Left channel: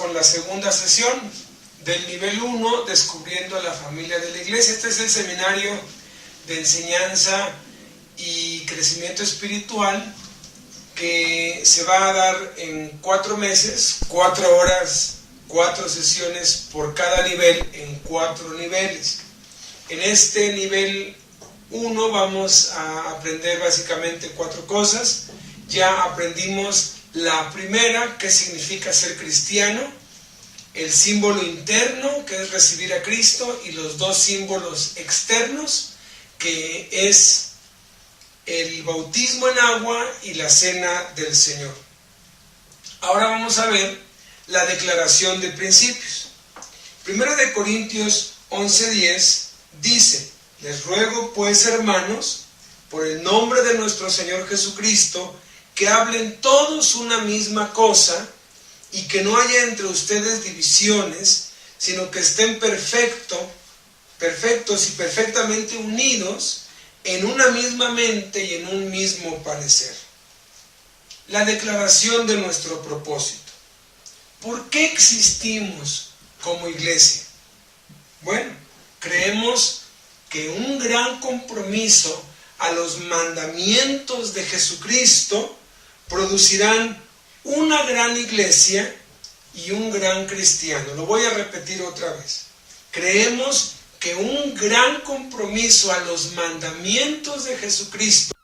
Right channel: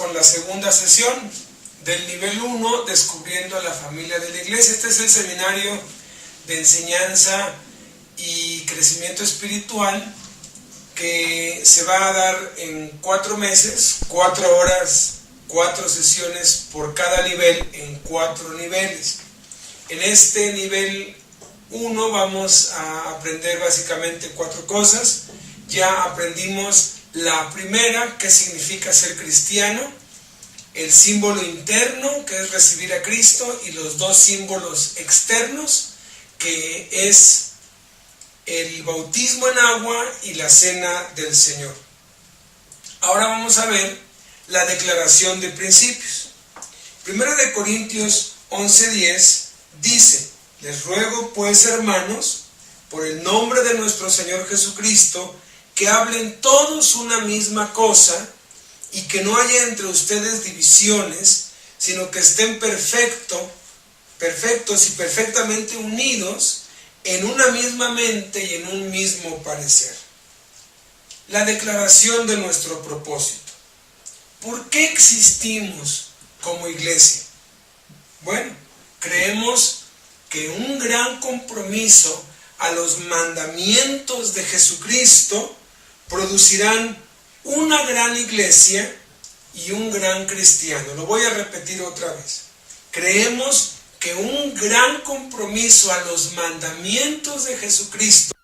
Con la segunda sesión del nivel 1, descubriendo la familia de la iglesia. Este es el seminario de enseñanza y crecimiento espiritual que se va a dar en 4 meses, 4 horas, 4 sesiones por cada nivel, en 4 niveles. En este nivel 1 vamos a aprender básicamente 4 cosas. Ya aprendimos la primera, qué significa ser cristiano, el símbolo interno, que es recibir a Cristo, y los 2 símbolos externos, que es el bautismo en agua y la cena del Señor. Ahora vamos a ver la declaración de principios. 1 Corintios 11:10 dice: les ruego pues, hermanos, por el nombre de nuestro Señor Jesucristo, que hablen todos una misma cosa, y que no haya entre ustedes divisiones, sino que estén perfectos y perfectamente unidos en una misma mente y en un mismo parecer. La declaración de nuestro propósito. ¿Por qué existimos como iglesia? Bueno, creemos que un gran compromiso a los mandamientos de Jesucristo producirán una gran iglesia y un gran cristiano. Lo voy a repetir otra vez. Creemos que un gran compromiso a los mandamientos de Jesucristo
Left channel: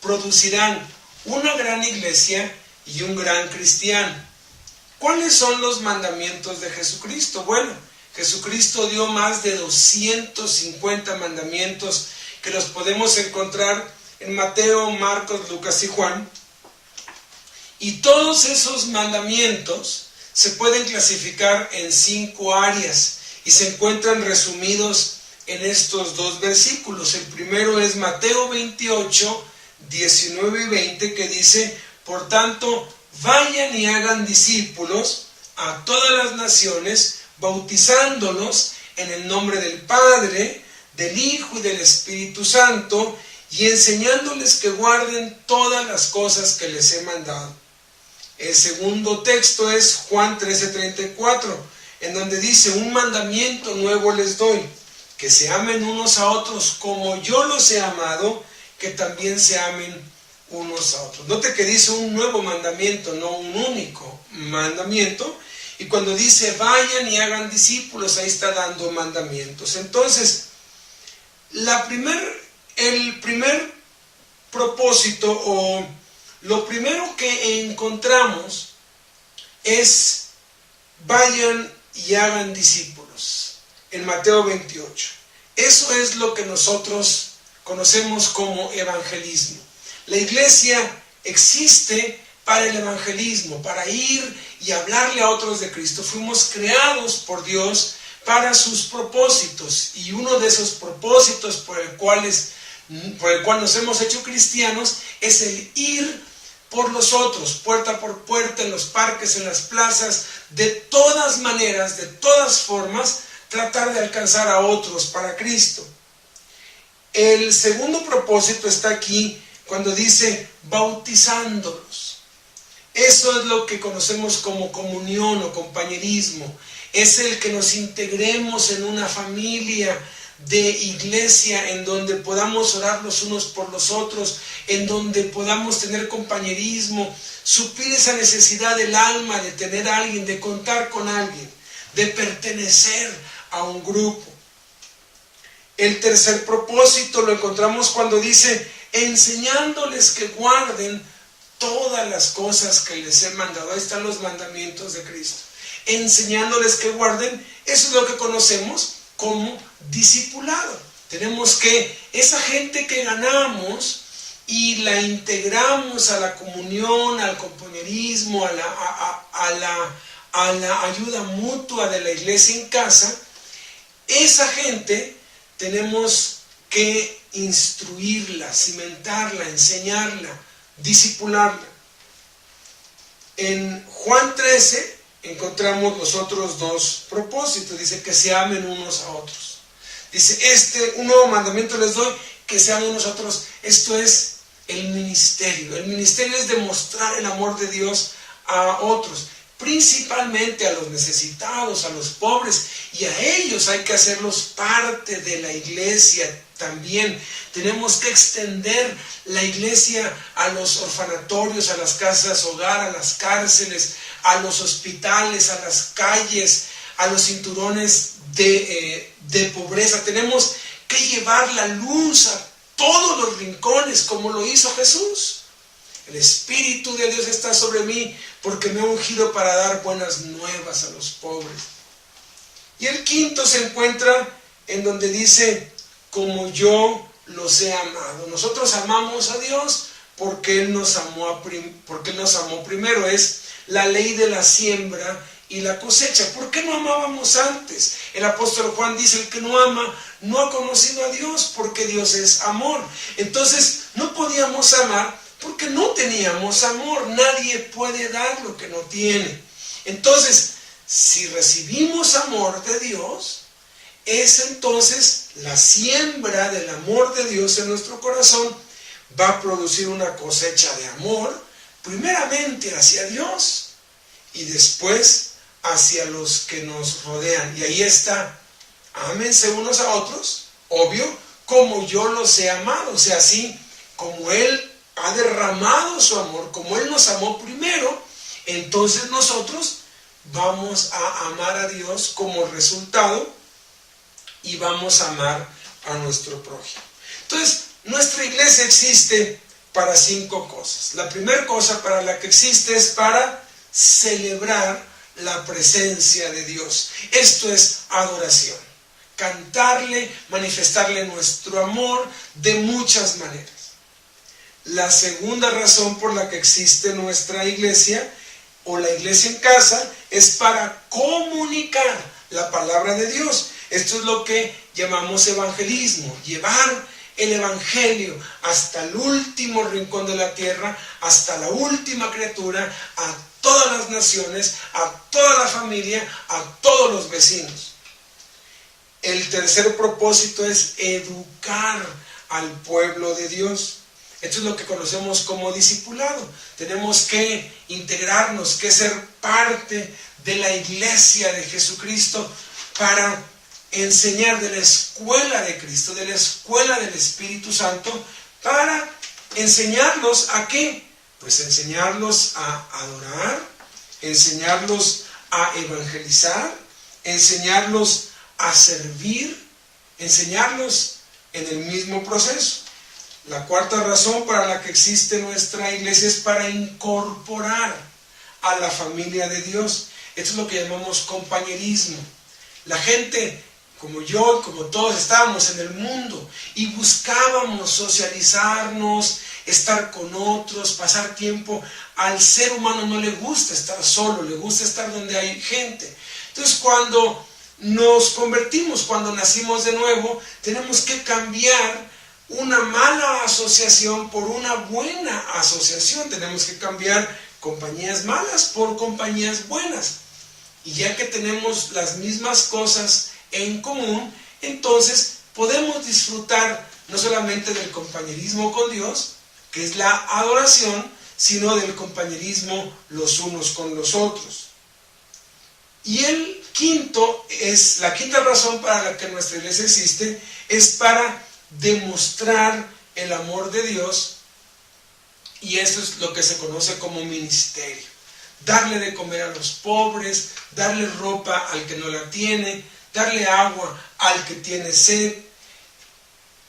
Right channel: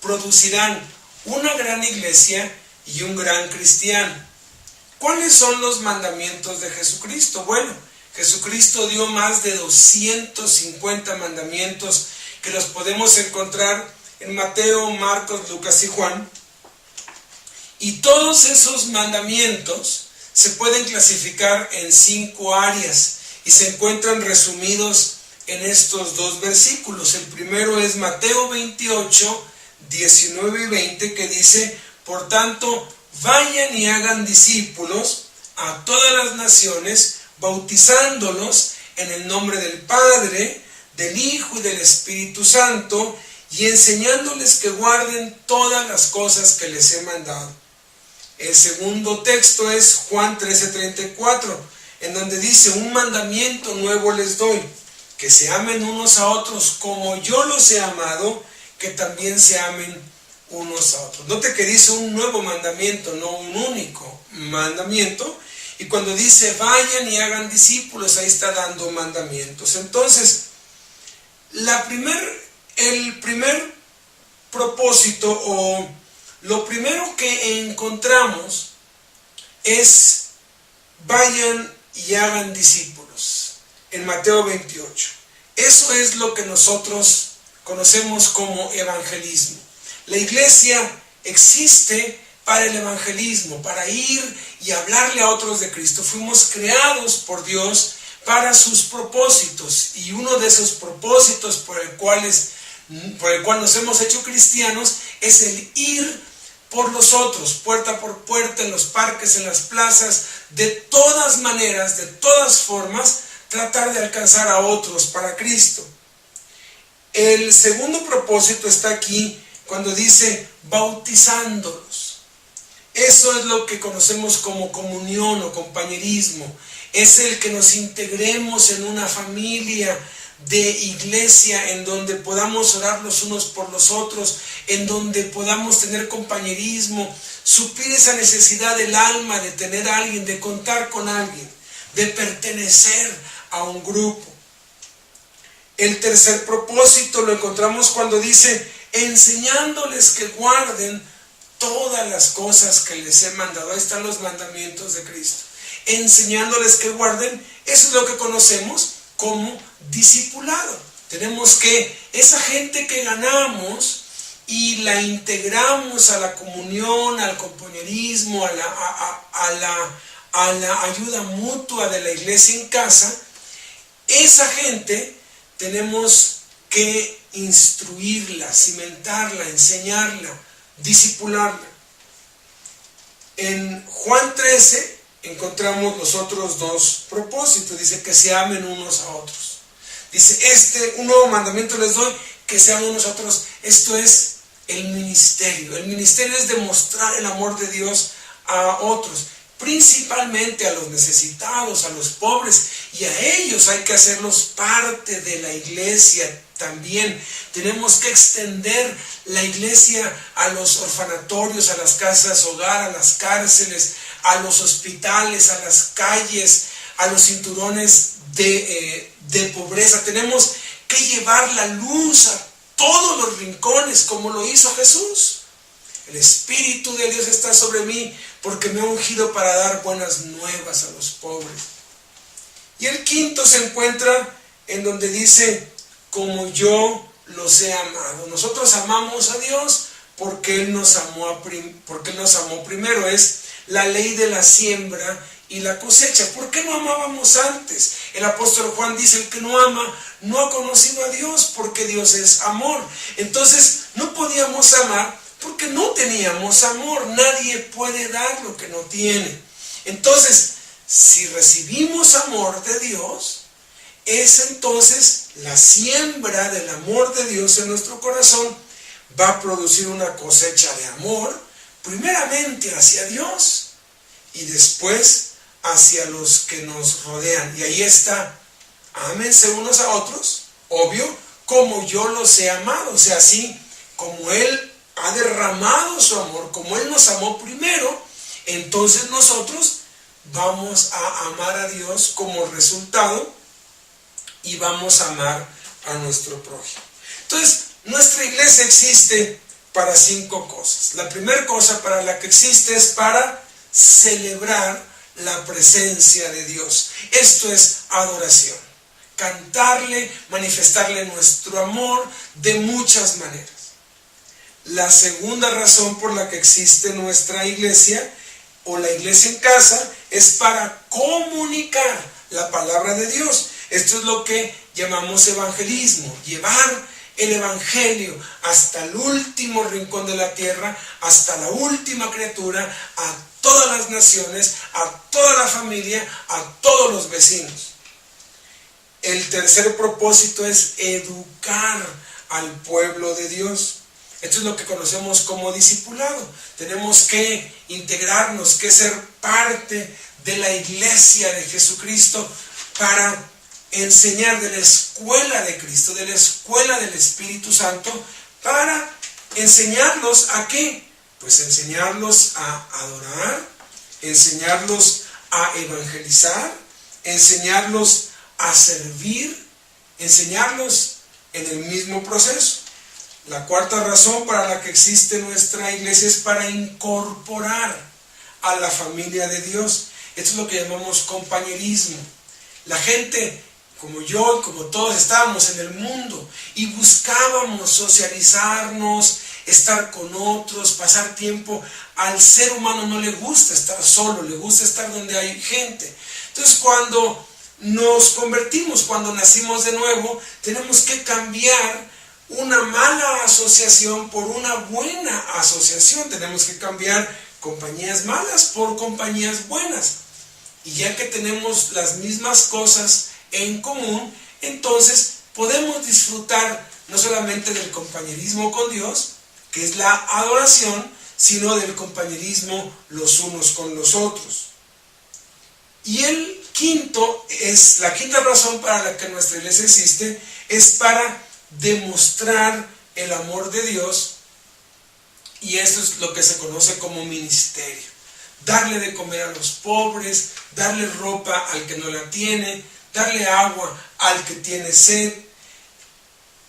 producirán una gran iglesia y un gran cristiano. ¿Cuáles son los mandamientos de Jesucristo? Bueno, Jesucristo dio más de 250 mandamientos que los podemos encontrar en Mateo, Marcos, Lucas y Juan. Y todos esos mandamientos se pueden clasificar en 5 áreas y se encuentran resumidos en estos 2 versículos. El primero es Mateo 28, 19 y 20, que dice: por tanto, vayan y hagan discípulos a todas las naciones, bautizándolos en el nombre del Padre, del Hijo y del Espíritu Santo, y enseñándoles que guarden todas las cosas que les he mandado. El segundo texto es Juan 13:34, en donde dice: un mandamiento nuevo les doy, que se amen unos a otros como yo los he amado, que también se amen unos a otros. Note que dice un nuevo mandamiento, no un único mandamiento. Y cuando dice vayan y hagan discípulos, ahí está dando mandamientos. Entonces, el primer propósito, o lo primero que encontramos, es vayan y hagan discípulos en Mateo 28. Eso es lo que nosotros conocemos como evangelismo. La iglesia existe para el evangelismo, para ir y hablarle a otros de Cristo. Fuimos creados por Dios para sus propósitos, y uno de esos propósitos por el cual nos hemos hecho cristianos es el ir por los otros, puerta por puerta, en los parques, en las plazas, de todas maneras, de todas formas, tratar de alcanzar a otros para Cristo. El segundo propósito está aquí cuando dice bautizándolos. Eso es lo que conocemos como comunión o compañerismo. Es el que nos integremos en una familia de iglesia en donde podamos orar los unos por los otros, en donde podamos tener compañerismo, suplir esa necesidad del alma de tener a alguien, de contar con alguien, de pertenecer a un grupo. El tercer propósito lo encontramos cuando dice enseñándoles que guarden todas las cosas que les he mandado. Ahí están los mandamientos de Cristo. Enseñándoles que guarden, eso es lo que conocemos como discipulado. Tenemos que, esa gente que ganamos y la integramos a la comunión, al compañerismo, a la ayuda mutua de la iglesia en casa, esa gente tenemos que instruirla, cimentarla, enseñarla, discipularla. En Juan 13 encontramos los otros 2 propósitos. Dice que se amen unos a otros. Dice, un nuevo mandamiento les doy, que se amen unos a otros. Esto es el ministerio. El ministerio es demostrar el amor de Dios a otros. principalmente a los necesitados, a los pobres, y a ellos hay que hacerlos parte de la iglesia también. Tenemos que extender la iglesia a los orfanatorios, a las casas hogar, a las cárceles, a los hospitales, a las calles, a los cinturones de pobreza. Tenemos que llevar la luz a todos los rincones, como lo hizo Jesús. El Espíritu de Dios está sobre mí porque me ha ungido para dar buenas nuevas a los pobres. Y el quinto se encuentra en donde dice, como yo los he amado. Nosotros amamos a Dios porque Él nos amó primero. Es la ley de la siembra y la cosecha. ¿Por qué no amábamos antes? El apóstol Juan dice, el que no ama no ha conocido a Dios, porque Dios es amor. Entonces no podíamos amar porque no teníamos amor. Nadie puede dar lo que no tiene. Entonces, si recibimos amor de Dios, es entonces la siembra del amor de Dios en nuestro corazón va a producir una cosecha de amor, primeramente hacia Dios y después hacia los que nos rodean. Y ahí está, ámense unos a otros, obvio, como yo los he amado. O sea, así como Él ha derramado su amor, como Él nos amó primero, entonces nosotros vamos a amar a Dios como resultado y vamos a amar a nuestro prójimo. Entonces, nuestra iglesia existe para 5 cosas. La primera cosa para la que existe es para celebrar la presencia de Dios. Esto es adoración. Cantarle, manifestarle nuestro amor de muchas maneras. La segunda razón por la que existe nuestra iglesia o la iglesia en casa es para comunicar la palabra de Dios. Esto es lo que llamamos evangelismo, llevar el evangelio hasta el último rincón de la tierra, hasta la última criatura, a todas las naciones, a toda la familia, a todos los vecinos. El tercer propósito es educar al pueblo de Dios. Esto es lo que conocemos como discipulado. Tenemos que integrarnos, que ser parte de la iglesia de Jesucristo para enseñar de la escuela de Cristo, de la escuela del Espíritu Santo, para enseñarlos a ¿qué? Pues enseñarlos a adorar, enseñarlos a evangelizar, enseñarlos a servir, enseñarlos en el mismo proceso. La cuarta razón para la que existe nuestra iglesia es para incorporar a la familia de Dios. Esto es lo que llamamos compañerismo. La gente, como yo y como todos, estábamos en el mundo y buscábamos socializarnos, estar con otros, pasar tiempo. Al ser humano no le gusta estar solo, le gusta estar donde hay gente. Entonces, cuando nos convertimos, cuando nacimos de nuevo, tenemos que cambiar una mala asociación por una buena asociación. Tenemos que cambiar compañías malas por compañías buenas. Y ya que tenemos las mismas cosas en común, entonces podemos disfrutar no solamente del compañerismo con Dios, que es la adoración, sino del compañerismo los unos con los otros. Y la quinta razón para la que nuestra iglesia existe es para demostrar el amor de Dios, y eso es lo que se conoce como ministerio. Darle de comer a los pobres, darle ropa al que no la tiene, darle agua al que tiene sed,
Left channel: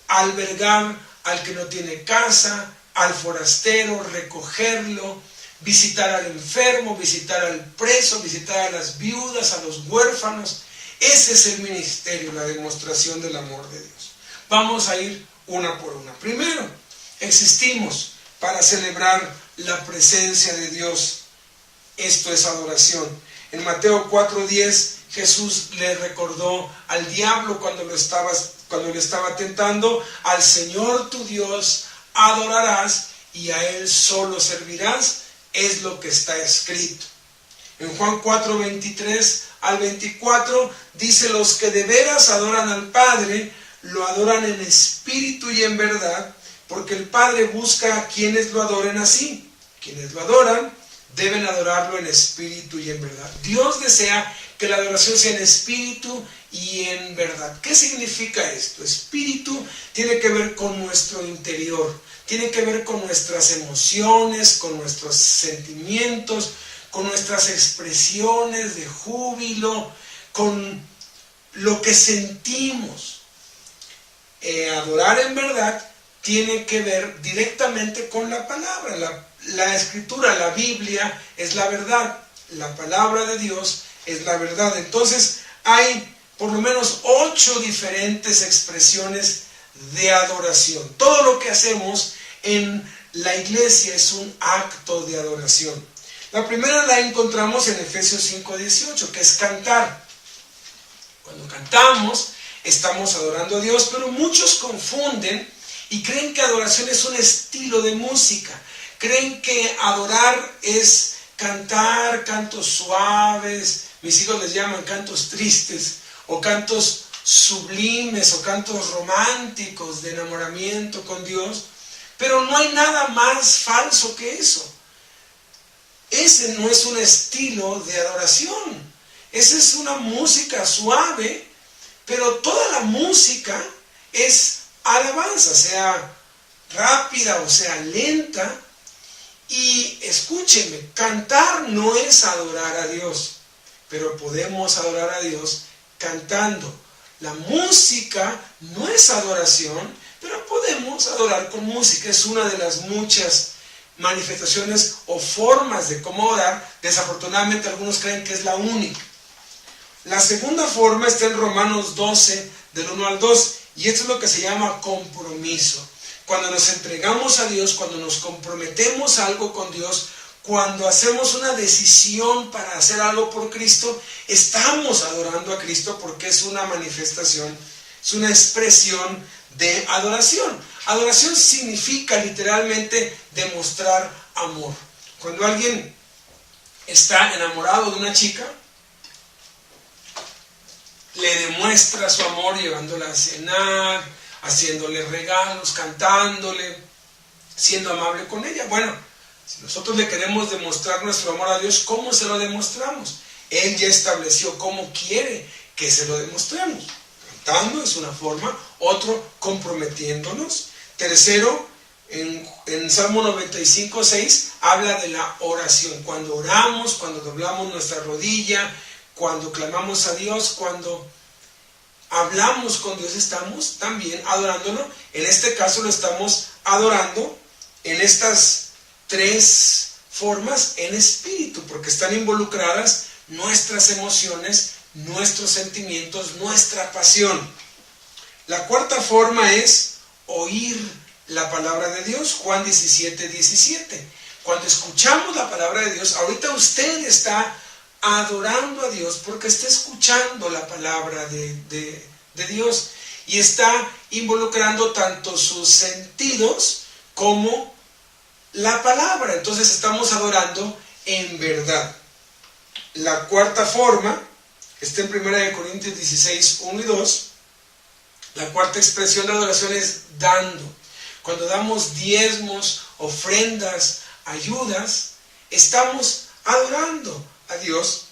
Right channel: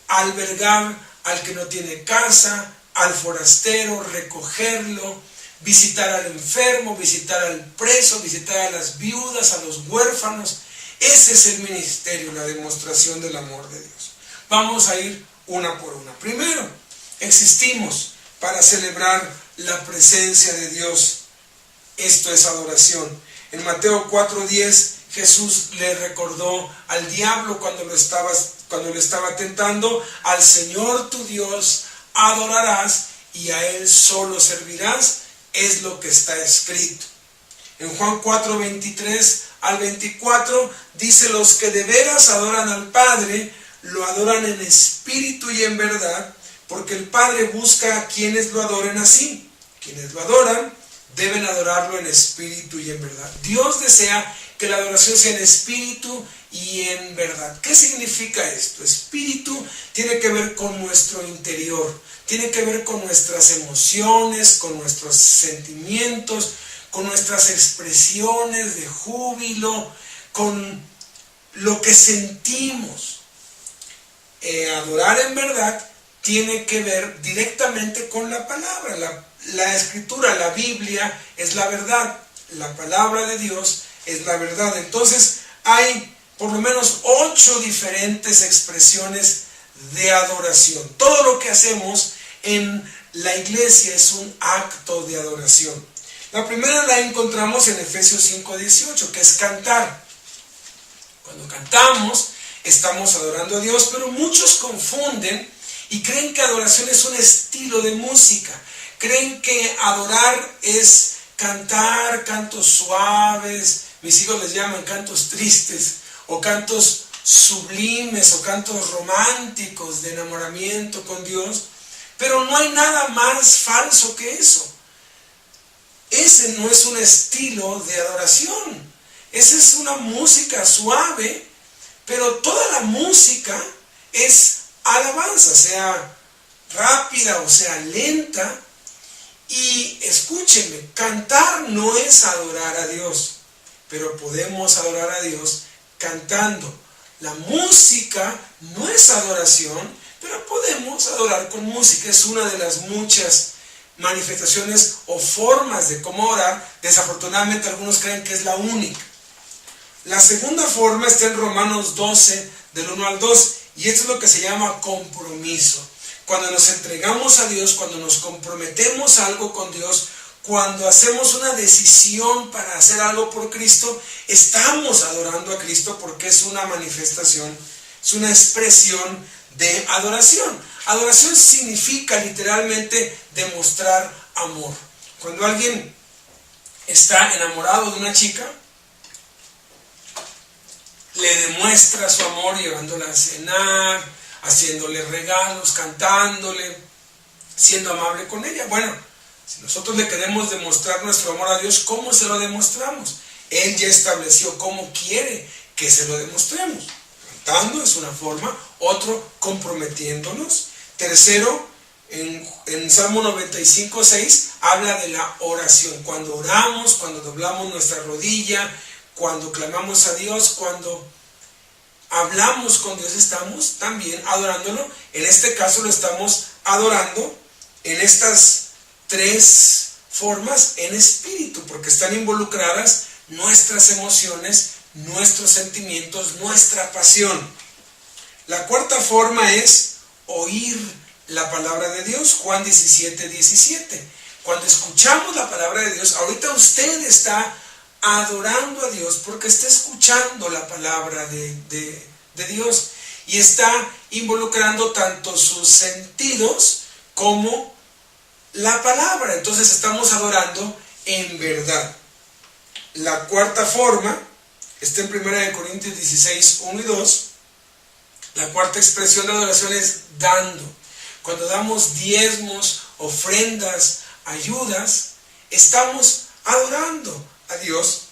albergar al que no tiene casa, al forastero, recogerlo, visitar al enfermo, visitar al preso, visitar a las viudas, a los huérfanos. Ese es el ministerio, la demostración del amor de Dios. Vamos a ir una por una. Primero, existimos para celebrar la presencia de Dios. Esto es adoración. En Mateo 4:10, Jesús le recordó al diablo cuando le estaba tentando: al Señor tu Dios adorarás y a Él solo servirás. Es lo que está escrito. En Juan 4:23 al 24 dice: los que de veras adoran al Padre, lo adoran en espíritu y en verdad, porque el Padre busca a quienes lo adoren así. Quienes lo adoran deben adorarlo en espíritu y en verdad. Dios desea que la adoración sea en espíritu y en verdad. ¿Qué significa esto? Espíritu tiene que ver con nuestro interior, tiene que ver con nuestras emociones, con nuestros sentimientos, con nuestras expresiones de júbilo, con lo que sentimos. Adorar en verdad tiene que ver directamente con la palabra. La escritura, la Biblia es la verdad, la palabra de Dios es la verdad. Entonces hay por lo menos 8 diferentes expresiones de adoración. Todo lo que hacemos en la iglesia es un acto de adoración. La primera la encontramos en Efesios 5:18, que es cantar. Cuando cantamos, estamos adorando a Dios, pero muchos confunden y creen que adoración es un estilo de música. Creen que adorar es cantar cantos suaves, mis hijos les llaman cantos tristes, o cantos sublimes, o cantos románticos de enamoramiento con Dios, pero no hay nada más falso que eso. Ese no es un estilo de adoración, esa es una música suave, pero toda la música es alabanza, sea rápida o sea lenta. Y escúchenme, cantar no es adorar a Dios, pero podemos adorar a Dios cantando. La música no es adoración, pero podemos adorar con música. Es una de las muchas manifestaciones o formas de cómo orar. Desafortunadamente algunos creen que es la única. La segunda forma está en Romanos 12, del 1 al 2, y esto es lo que se llama compromiso. Cuando nos entregamos a Dios, cuando nos comprometemos a algo con Dios, cuando hacemos una decisión para hacer algo por Cristo, estamos adorando a Cristo porque es una manifestación, es una expresión de adoración. Adoración significa literalmente demostrar amor. Cuando alguien está enamorado de una chica, le demuestra su amor llevándola a cenar, haciéndole regalos, cantándole, siendo amable con ella. Bueno, si nosotros le queremos demostrar nuestro amor a Dios, ¿cómo se lo demostramos? Él ya estableció cómo quiere que se lo demostremos. Cantando es una forma, otro comprometiéndonos. Tercero, en Salmo 95:6 habla de la oración. Cuando oramos, cuando doblamos nuestra rodilla, cuando clamamos a Dios, cuando hablamos con Dios, estamos también adorándolo. En este caso lo estamos adorando en estas 3 formas en espíritu, porque están involucradas nuestras emociones, nuestros sentimientos, nuestra pasión. La cuarta forma es oír la palabra de Dios, Juan 17:17. Cuando escuchamos la palabra de Dios, ahorita usted está adorando a Dios porque está escuchando la palabra de Dios y está involucrando tanto sus sentidos como la palabra. Entonces estamos adorando en verdad. La cuarta forma está en 1 Corintios 16:1 y 2. La cuarta expresión de adoración es dando. Cuando damos diezmos, ofrendas, ayudas, estamos adorando a Dios,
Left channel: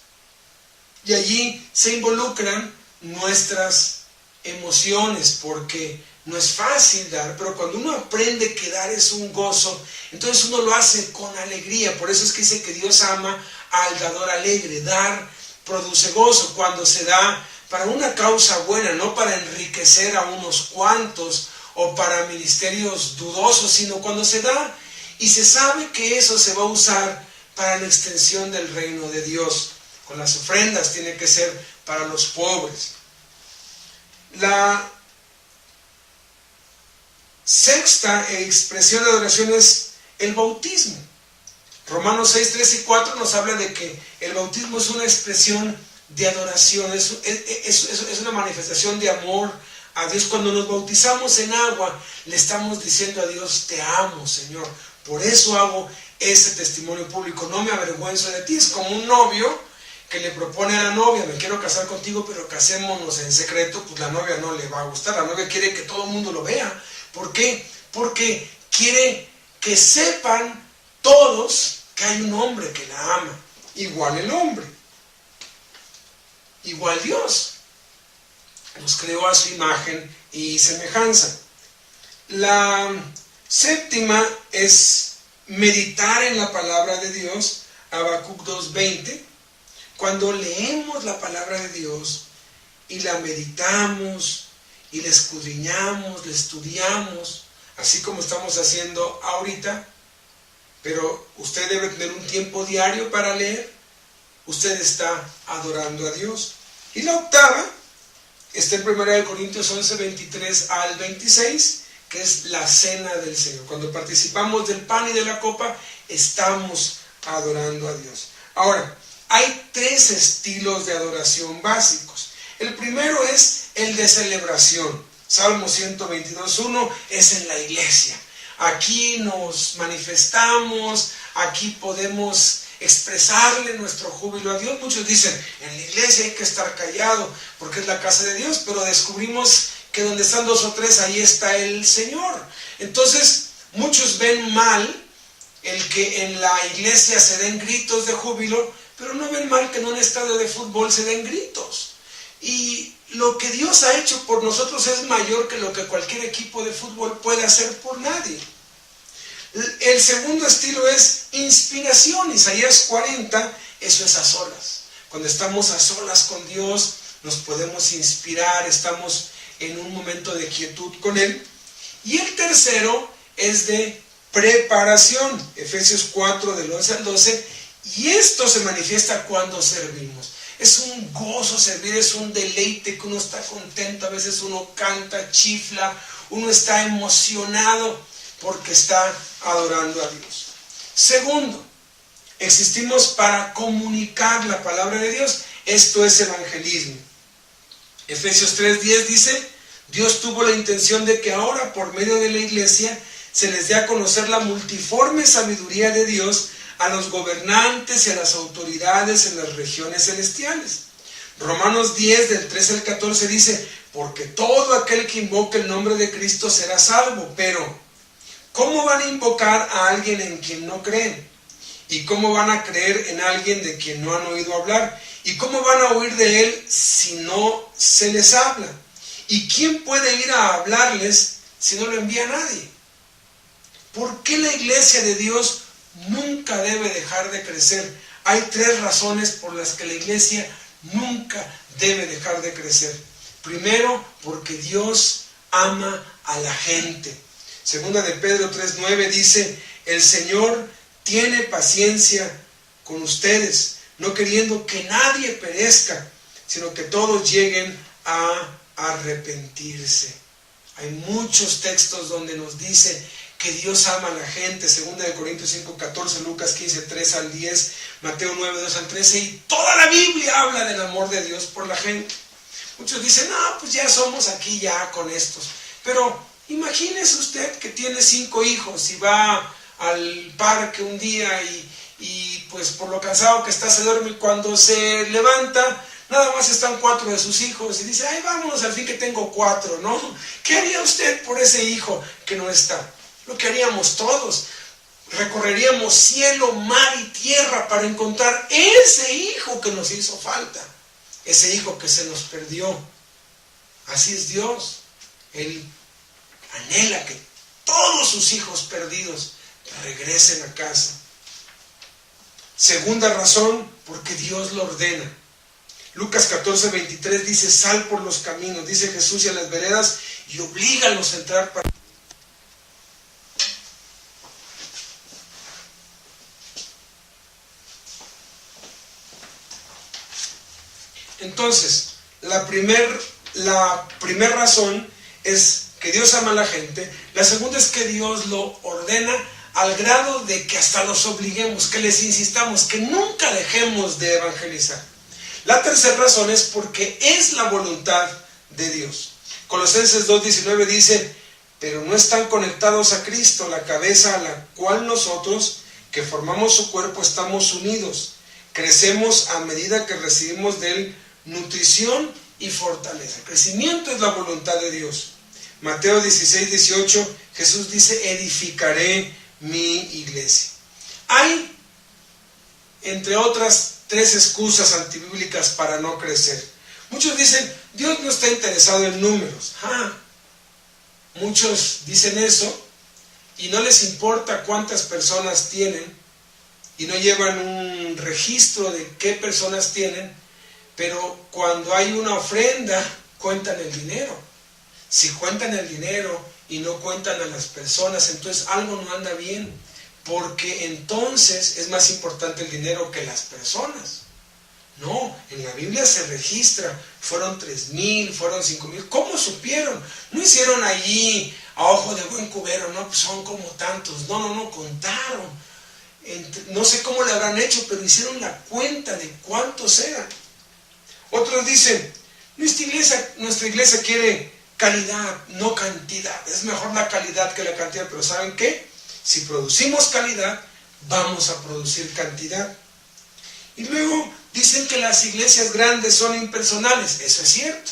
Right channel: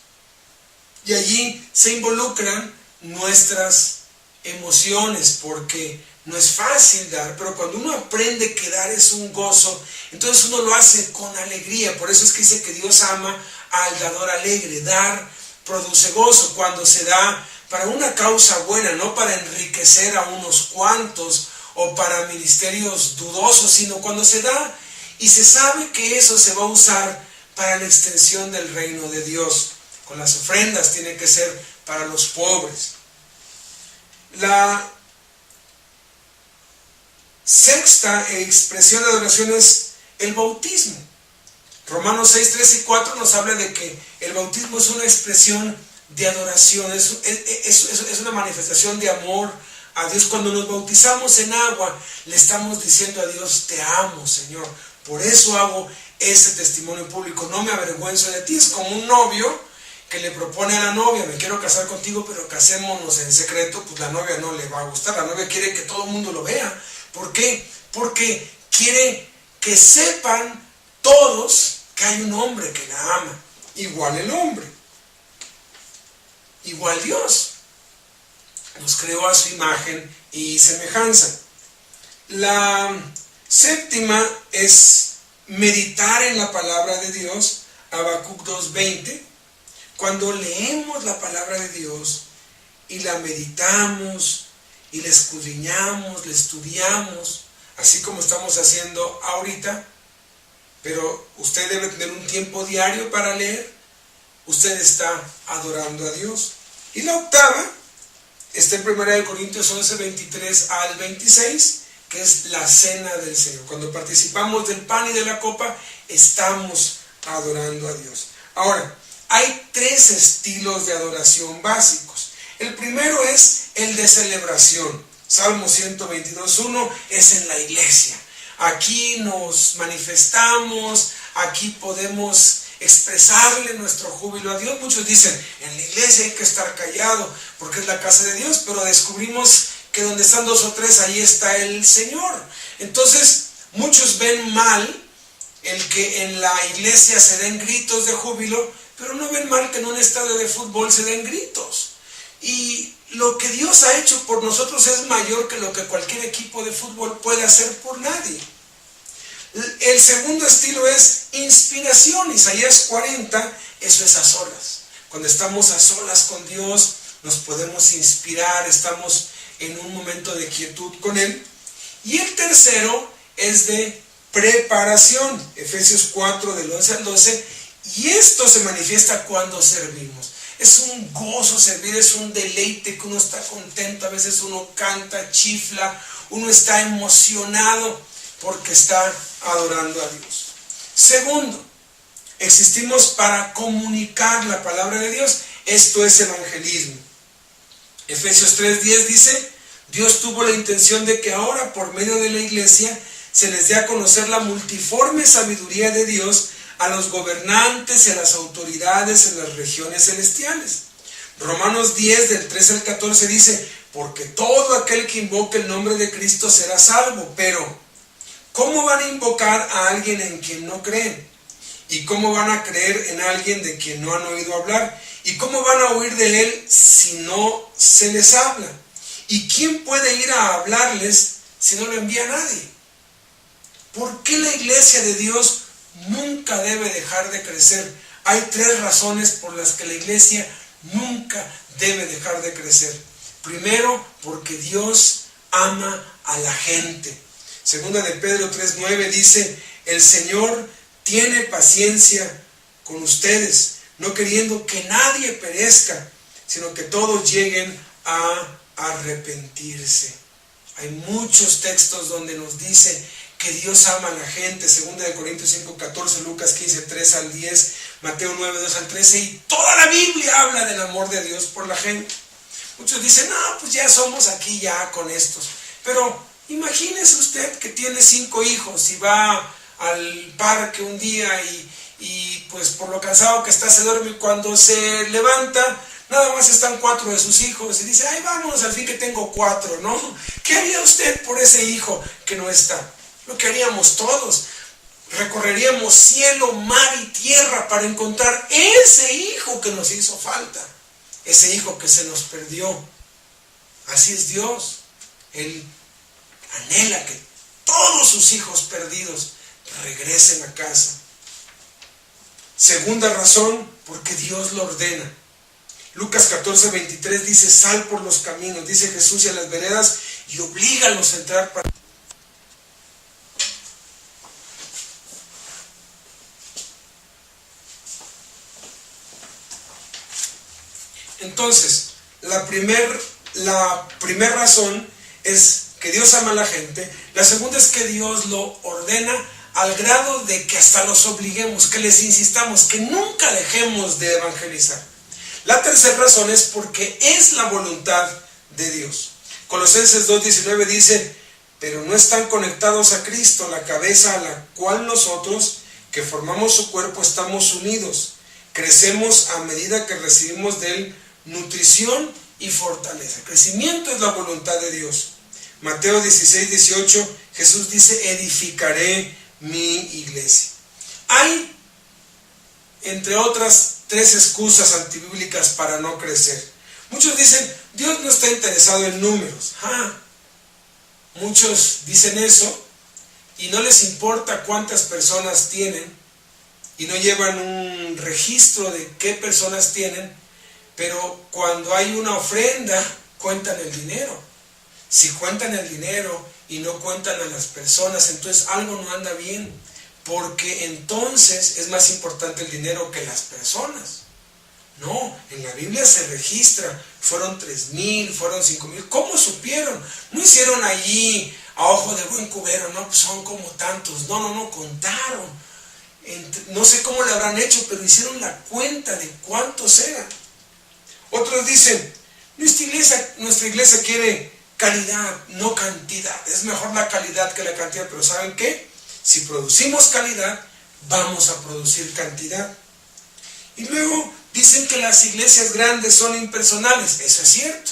y allí se involucran nuestras emociones, porque no es fácil dar, pero cuando uno aprende que dar es un gozo, entonces uno lo hace con alegría. Por eso es que dice que Dios ama al dador alegre. Dar produce gozo cuando se da para una causa buena, no para enriquecer a unos cuantos o para ministerios dudosos, sino cuando se da y se sabe que eso se va a usar para la extensión del reino de Dios. Con las ofrendas tiene que ser para los pobres. La sexta expresión de adoración es el bautismo. Romanos 6, 3 y 4 nos habla de que el bautismo es una expresión de adoración, es una manifestación de amor a Dios. Cuando nos bautizamos en agua, le estamos diciendo a Dios: te amo, Señor, por eso hago ese testimonio público, no me avergüenzo de ti. Es como un novio que le propone a la novia: me quiero casar contigo, pero casémonos en secreto. Pues la novia no le va a gustar, la novia quiere que todo el mundo lo vea. ¿Por qué? Porque quiere que sepan todos que hay un hombre que la ama. Igual el hombre, igual Dios. Nos creó a su imagen y semejanza. La séptima es meditar en la palabra de Dios, Habacuc 2:20. Cuando leemos la palabra de Dios y la meditamos y la escudriñamos, la estudiamos, así como estamos haciendo ahorita, pero usted debe tener un tiempo diario para leer, usted está adorando a Dios. Y la octava está en 1 Corintios 11, 23 al 26, que es la cena del Señor. Cuando participamos del pan y de la copa, estamos adorando a Dios. Ahora, hay tres estilos de adoración básicos. El primero es el de celebración. Salmo 122:1 es en la iglesia. Aquí nos manifestamos, aquí podemos expresarle nuestro júbilo a Dios. Muchos dicen, en la iglesia hay que estar callado porque es la casa de Dios, pero descubrimos que donde están dos o tres, ahí está el Señor. Entonces, muchos ven mal el que en la iglesia se den gritos de júbilo, pero no ven mal que en un estadio de fútbol se den gritos. Y lo que Dios ha hecho por nosotros es mayor que lo que cualquier equipo de fútbol puede hacer por nadie. El segundo estilo es inspiración. Isaías 40, eso es a solas. Cuando estamos a solas con Dios, nos podemos inspirar, estamos en un momento de quietud con Él. Y el tercero es de preparación. Efesios 4, del 11 al 12. Y esto se manifiesta cuando servimos. Es un gozo servir, es un deleite que uno está contento. A veces uno canta, chifla, uno está emocionado porque está adorando a Dios. Segundo, existimos para comunicar la palabra de Dios. Esto es evangelismo. Efesios 3:10 dice, Dios tuvo la intención de que ahora por medio de la iglesia se les dé a conocer la multiforme sabiduría de Dios a los gobernantes y a las autoridades en las regiones celestiales. Romanos 10, del 13 al 14 dice, porque todo aquel que invoque el nombre de Cristo será salvo, pero ¿cómo van a invocar a alguien en quien no creen? ¿Y cómo van a creer en alguien de quien no han oído hablar? ¿Y cómo van a oír de él si no se les habla? ¿Y quién puede ir a hablarles si no lo envía nadie? ¿Por qué la iglesia de Dios nunca debe dejar de crecer? Hay tres razones por las que la iglesia nunca debe dejar de crecer. Primero, porque Dios ama a la gente. Segunda de Pedro 3:9 dice, el Señor tiene paciencia con ustedes, no queriendo que nadie perezca, sino que todos lleguen a arrepentirse. Hay muchos textos donde nos dice que Dios ama a la gente. Segunda de Corintios 5:14, Lucas 15:3 al 10, Mateo 9:2 al 13, y toda la Biblia habla del amor de Dios por la gente. Muchos dicen, no, pues ya somos aquí ya con estos. Pero imagínese usted que tiene 5 hijos y va al parque un día y pues por lo cansado que está se duerme, y cuando se levanta nada más están 4 de sus hijos y dice, ay, vámonos, al fin que tengo 4, ¿no? ¿Qué haría usted por ese hijo que no está? Lo que haríamos todos. Recorreríamos cielo, mar y tierra para encontrar ese hijo que nos hizo falta, ese hijo que se nos perdió. Así es Dios. Él anhela que todos sus hijos perdidos regresen a casa. Segunda razón, porque Dios lo ordena. Lucas 14:23 dice, sal por los caminos, dice Jesús, y a las veredas, y oblígalos a entrar para... Entonces, la primer razón es que Dios ama a la gente. La segunda es que Dios lo ordena al grado de que hasta los obliguemos, que les insistamos, que nunca dejemos de evangelizar. La tercera razón es porque es la voluntad de Dios. Colosenses 2:19 dice, pero no están conectados a Cristo, la cabeza, a la cual nosotros, que formamos su cuerpo, estamos unidos. Crecemos a medida que recibimos de Él nutrición y fortaleza. Crecimiento es la voluntad de Dios. Mateo 16:18, Jesús dice, edificaré mi iglesia. Hay entre otras 3 excusas antibíblicas para no crecer. Muchos dicen, Dios no está interesado en números. Muchos dicen eso y no les importa cuántas personas tienen y no llevan un registro de qué personas tienen, pero cuando hay una ofrenda, cuentan el dinero. Si cuentan el dinero y no cuentan a las personas, entonces algo no anda bien, porque entonces es más importante el dinero que las personas. No, en la Biblia se registra, fueron 3,000, fueron 5,000, ¿cómo supieron? No hicieron allí a ojo de buen cubero, no, pues son como tantos, no, contaron. No sé cómo le habrán hecho, pero hicieron la cuenta de cuántos eran. Otros dicen, nuestra iglesia quiere calidad, no cantidad. Es mejor la calidad que la cantidad, pero ¿saben qué? Si producimos calidad, vamos a producir cantidad. Y luego dicen que las iglesias grandes son impersonales. Eso es cierto.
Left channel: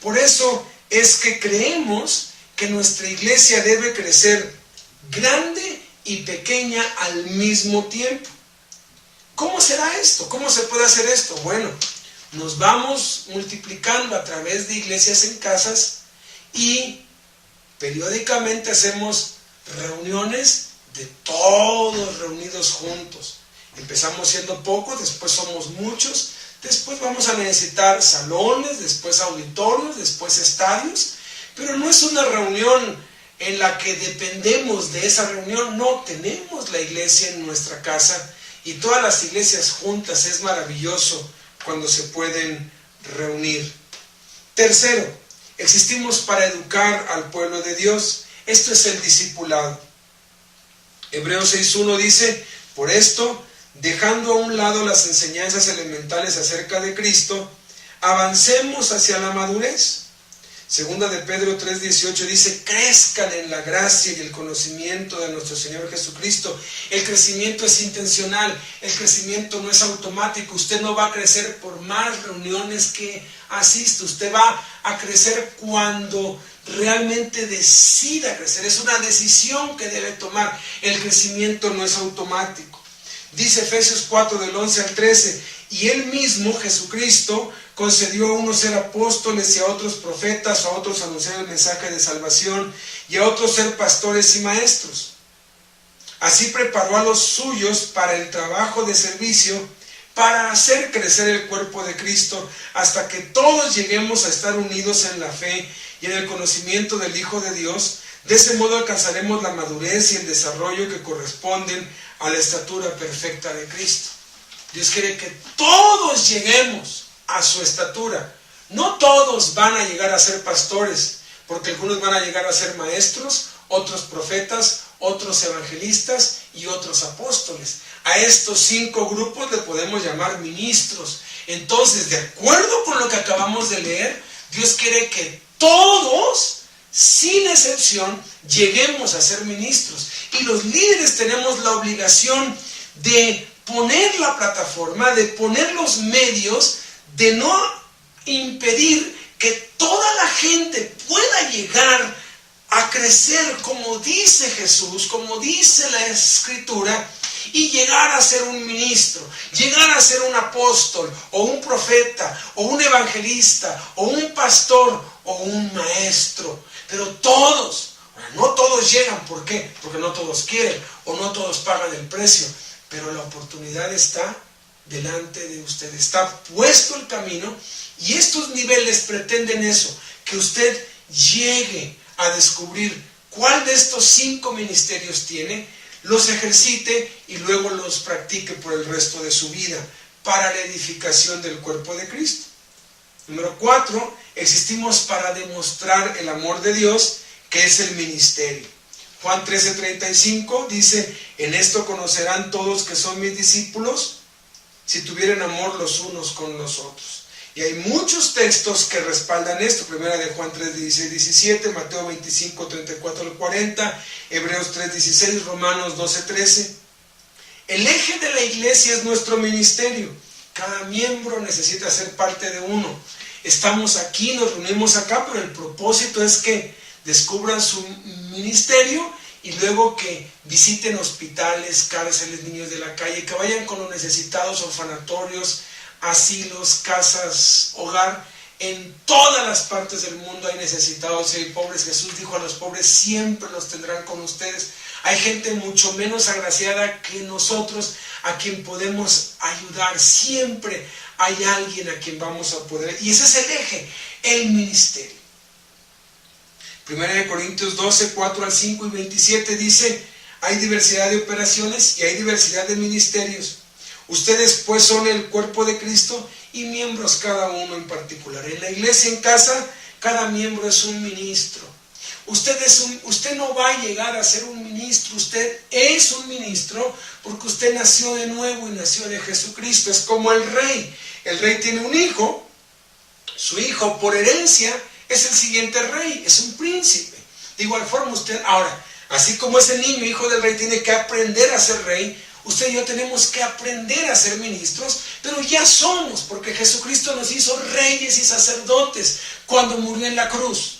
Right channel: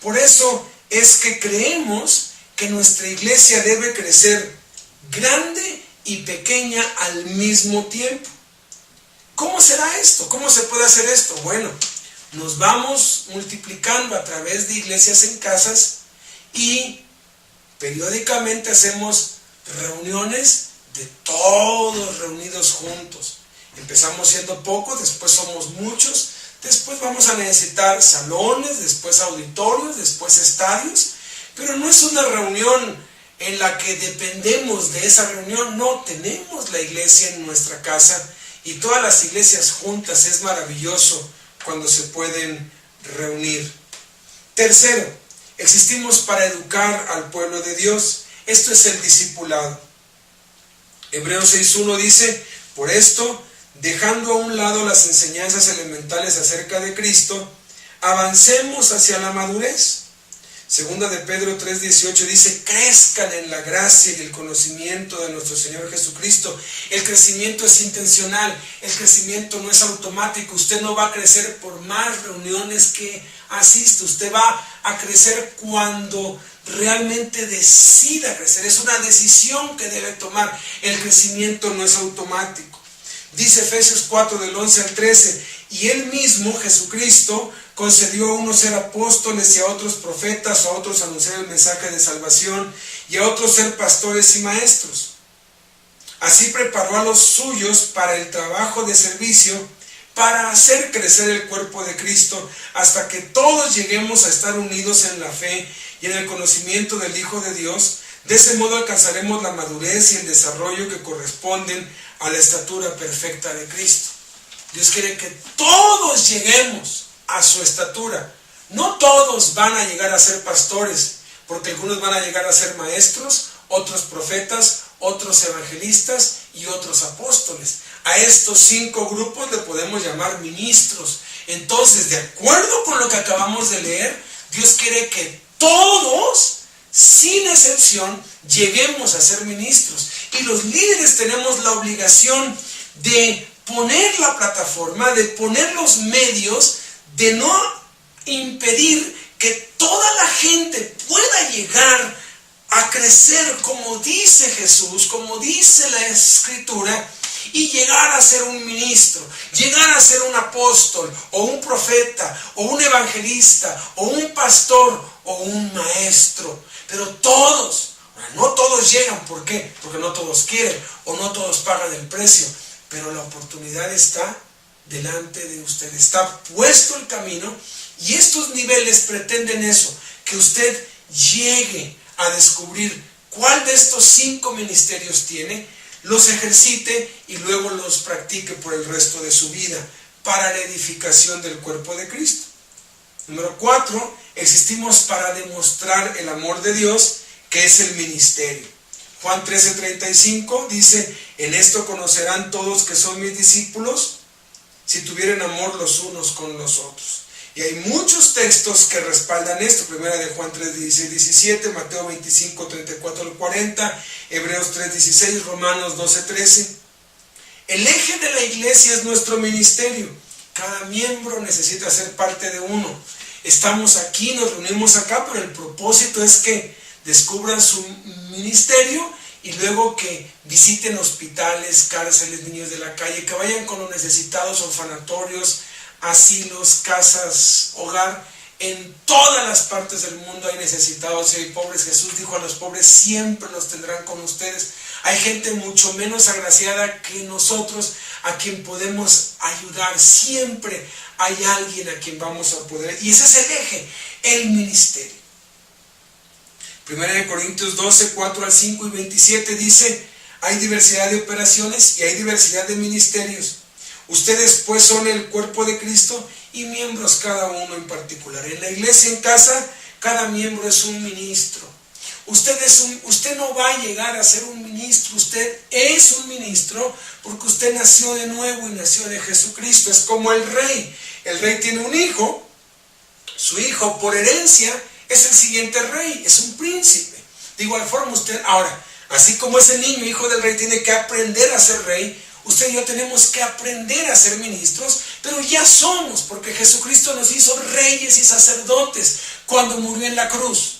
Por eso es que creemos que nuestra iglesia debe crecer grande y pequeña al mismo tiempo. ¿Cómo será esto? ¿Cómo se puede hacer esto? Bueno, nos vamos multiplicando a través de iglesias en casas y periódicamente hacemos reuniones de todos reunidos juntos. Empezamos siendo pocos, después somos muchos, después vamos a necesitar salones, después auditorios, después estadios, pero no es una reunión en la que dependemos de esa reunión. No, tenemos la iglesia en nuestra casa y todas las iglesias juntas. Es maravilloso cuando se pueden reunir. Tercero, existimos para educar al pueblo de Dios. Esto es el discipulado. Hebreos 6:1 dice, por esto, dejando a un lado las enseñanzas elementales acerca de Cristo, avancemos hacia la madurez. Segunda de Pedro 3:18 dice, crezcan en la gracia y el conocimiento de nuestro Señor Jesucristo. El crecimiento es intencional, el crecimiento no es automático. Usted no va a crecer por más reuniones que asiste, usted va a crecer cuando realmente decida crecer. Es una decisión que debe tomar. El crecimiento no es automático. Dice Efesios 4 del 11 al 13, y Él mismo, Jesucristo, concedió a unos ser apóstoles y a otros profetas, a otros anunciar el mensaje de salvación y a otros ser pastores y maestros. Así preparó a los suyos para el trabajo de servicio, para hacer crecer el cuerpo de Cristo, hasta que todos lleguemos a estar unidos en la fe y en el conocimiento del Hijo de Dios. De ese modo alcanzaremos la madurez y el desarrollo que corresponden a la estatura perfecta de Cristo. Dios quiere que todos lleguemos a su estatura. No todos van a llegar a ser pastores, porque algunos van a llegar a ser maestros, otros profetas, otros evangelistas y otros apóstoles. A estos 5 grupos le podemos llamar ministros. Entonces, de acuerdo con lo que acabamos de leer, Dios quiere que todos, sin excepción, lleguemos a ser ministros. Y los líderes tenemos la obligación de poner la plataforma, de poner los medios, de no impedir que toda la gente pueda llegar a crecer como dice Jesús, como dice la Escritura, y llegar a ser un ministro, llegar a ser un apóstol, o un profeta, o un evangelista, o un pastor, o un maestro. Pero todos, no todos llegan. ¿Por qué? Porque no todos quieren, o no todos pagan el precio, pero la oportunidad está delante de usted, está puesto el camino, y estos niveles pretenden eso, que usted llegue a descubrir cuál de estos 5 ministerios tiene, los ejercite y luego los practique por el resto de su vida para la edificación del cuerpo de Cristo. Número 4, existimos para demostrar el amor de Dios, que es el ministerio. Juan 13:35 dice, en esto conocerán todos que son mis discípulos, si tuvieren amor los unos con los otros. Y hay muchos textos que respaldan esto. Primera de Juan 3:16-17, Mateo 25:34-40, Hebreos 3:16, Romanos 12:13. El eje de la iglesia es nuestro ministerio. Cada miembro necesita ser parte de uno. Estamos aquí, nos reunimos acá, pero el propósito es que descubran su ministerio y luego que visiten hospitales, cárceles, niños de la calle, que vayan con los necesitados, orfanatorios, asilos, casas, hogar. En todas las partes del mundo hay necesitados y hay pobres. Jesús dijo: a los pobres siempre los tendrán con ustedes. Hay gente mucho menos agraciada que nosotros a quien podemos ayudar. Siempre hay alguien a quien vamos a poder. Y ese es el eje, el ministerio. 1 Corintios 12, 4 al 5 y 27 dice: hay diversidad de operaciones y hay diversidad de ministerios. Ustedes pues son el cuerpo de Cristo y miembros cada uno en particular. En la iglesia, en casa, cada miembro es un ministro. Usted no va a llegar a ser un ministro, usted es un ministro porque usted nació de nuevo y nació de Jesucristo. Es como el rey. El rey tiene un hijo, su hijo por herencia es el siguiente rey, es un príncipe. De igual forma usted, ahora, así como ese niño, hijo del rey, tiene que aprender a ser rey, usted y yo tenemos que aprender a ser ministros, pero ya somos, porque Jesucristo nos hizo reyes y sacerdotes cuando murió en la cruz.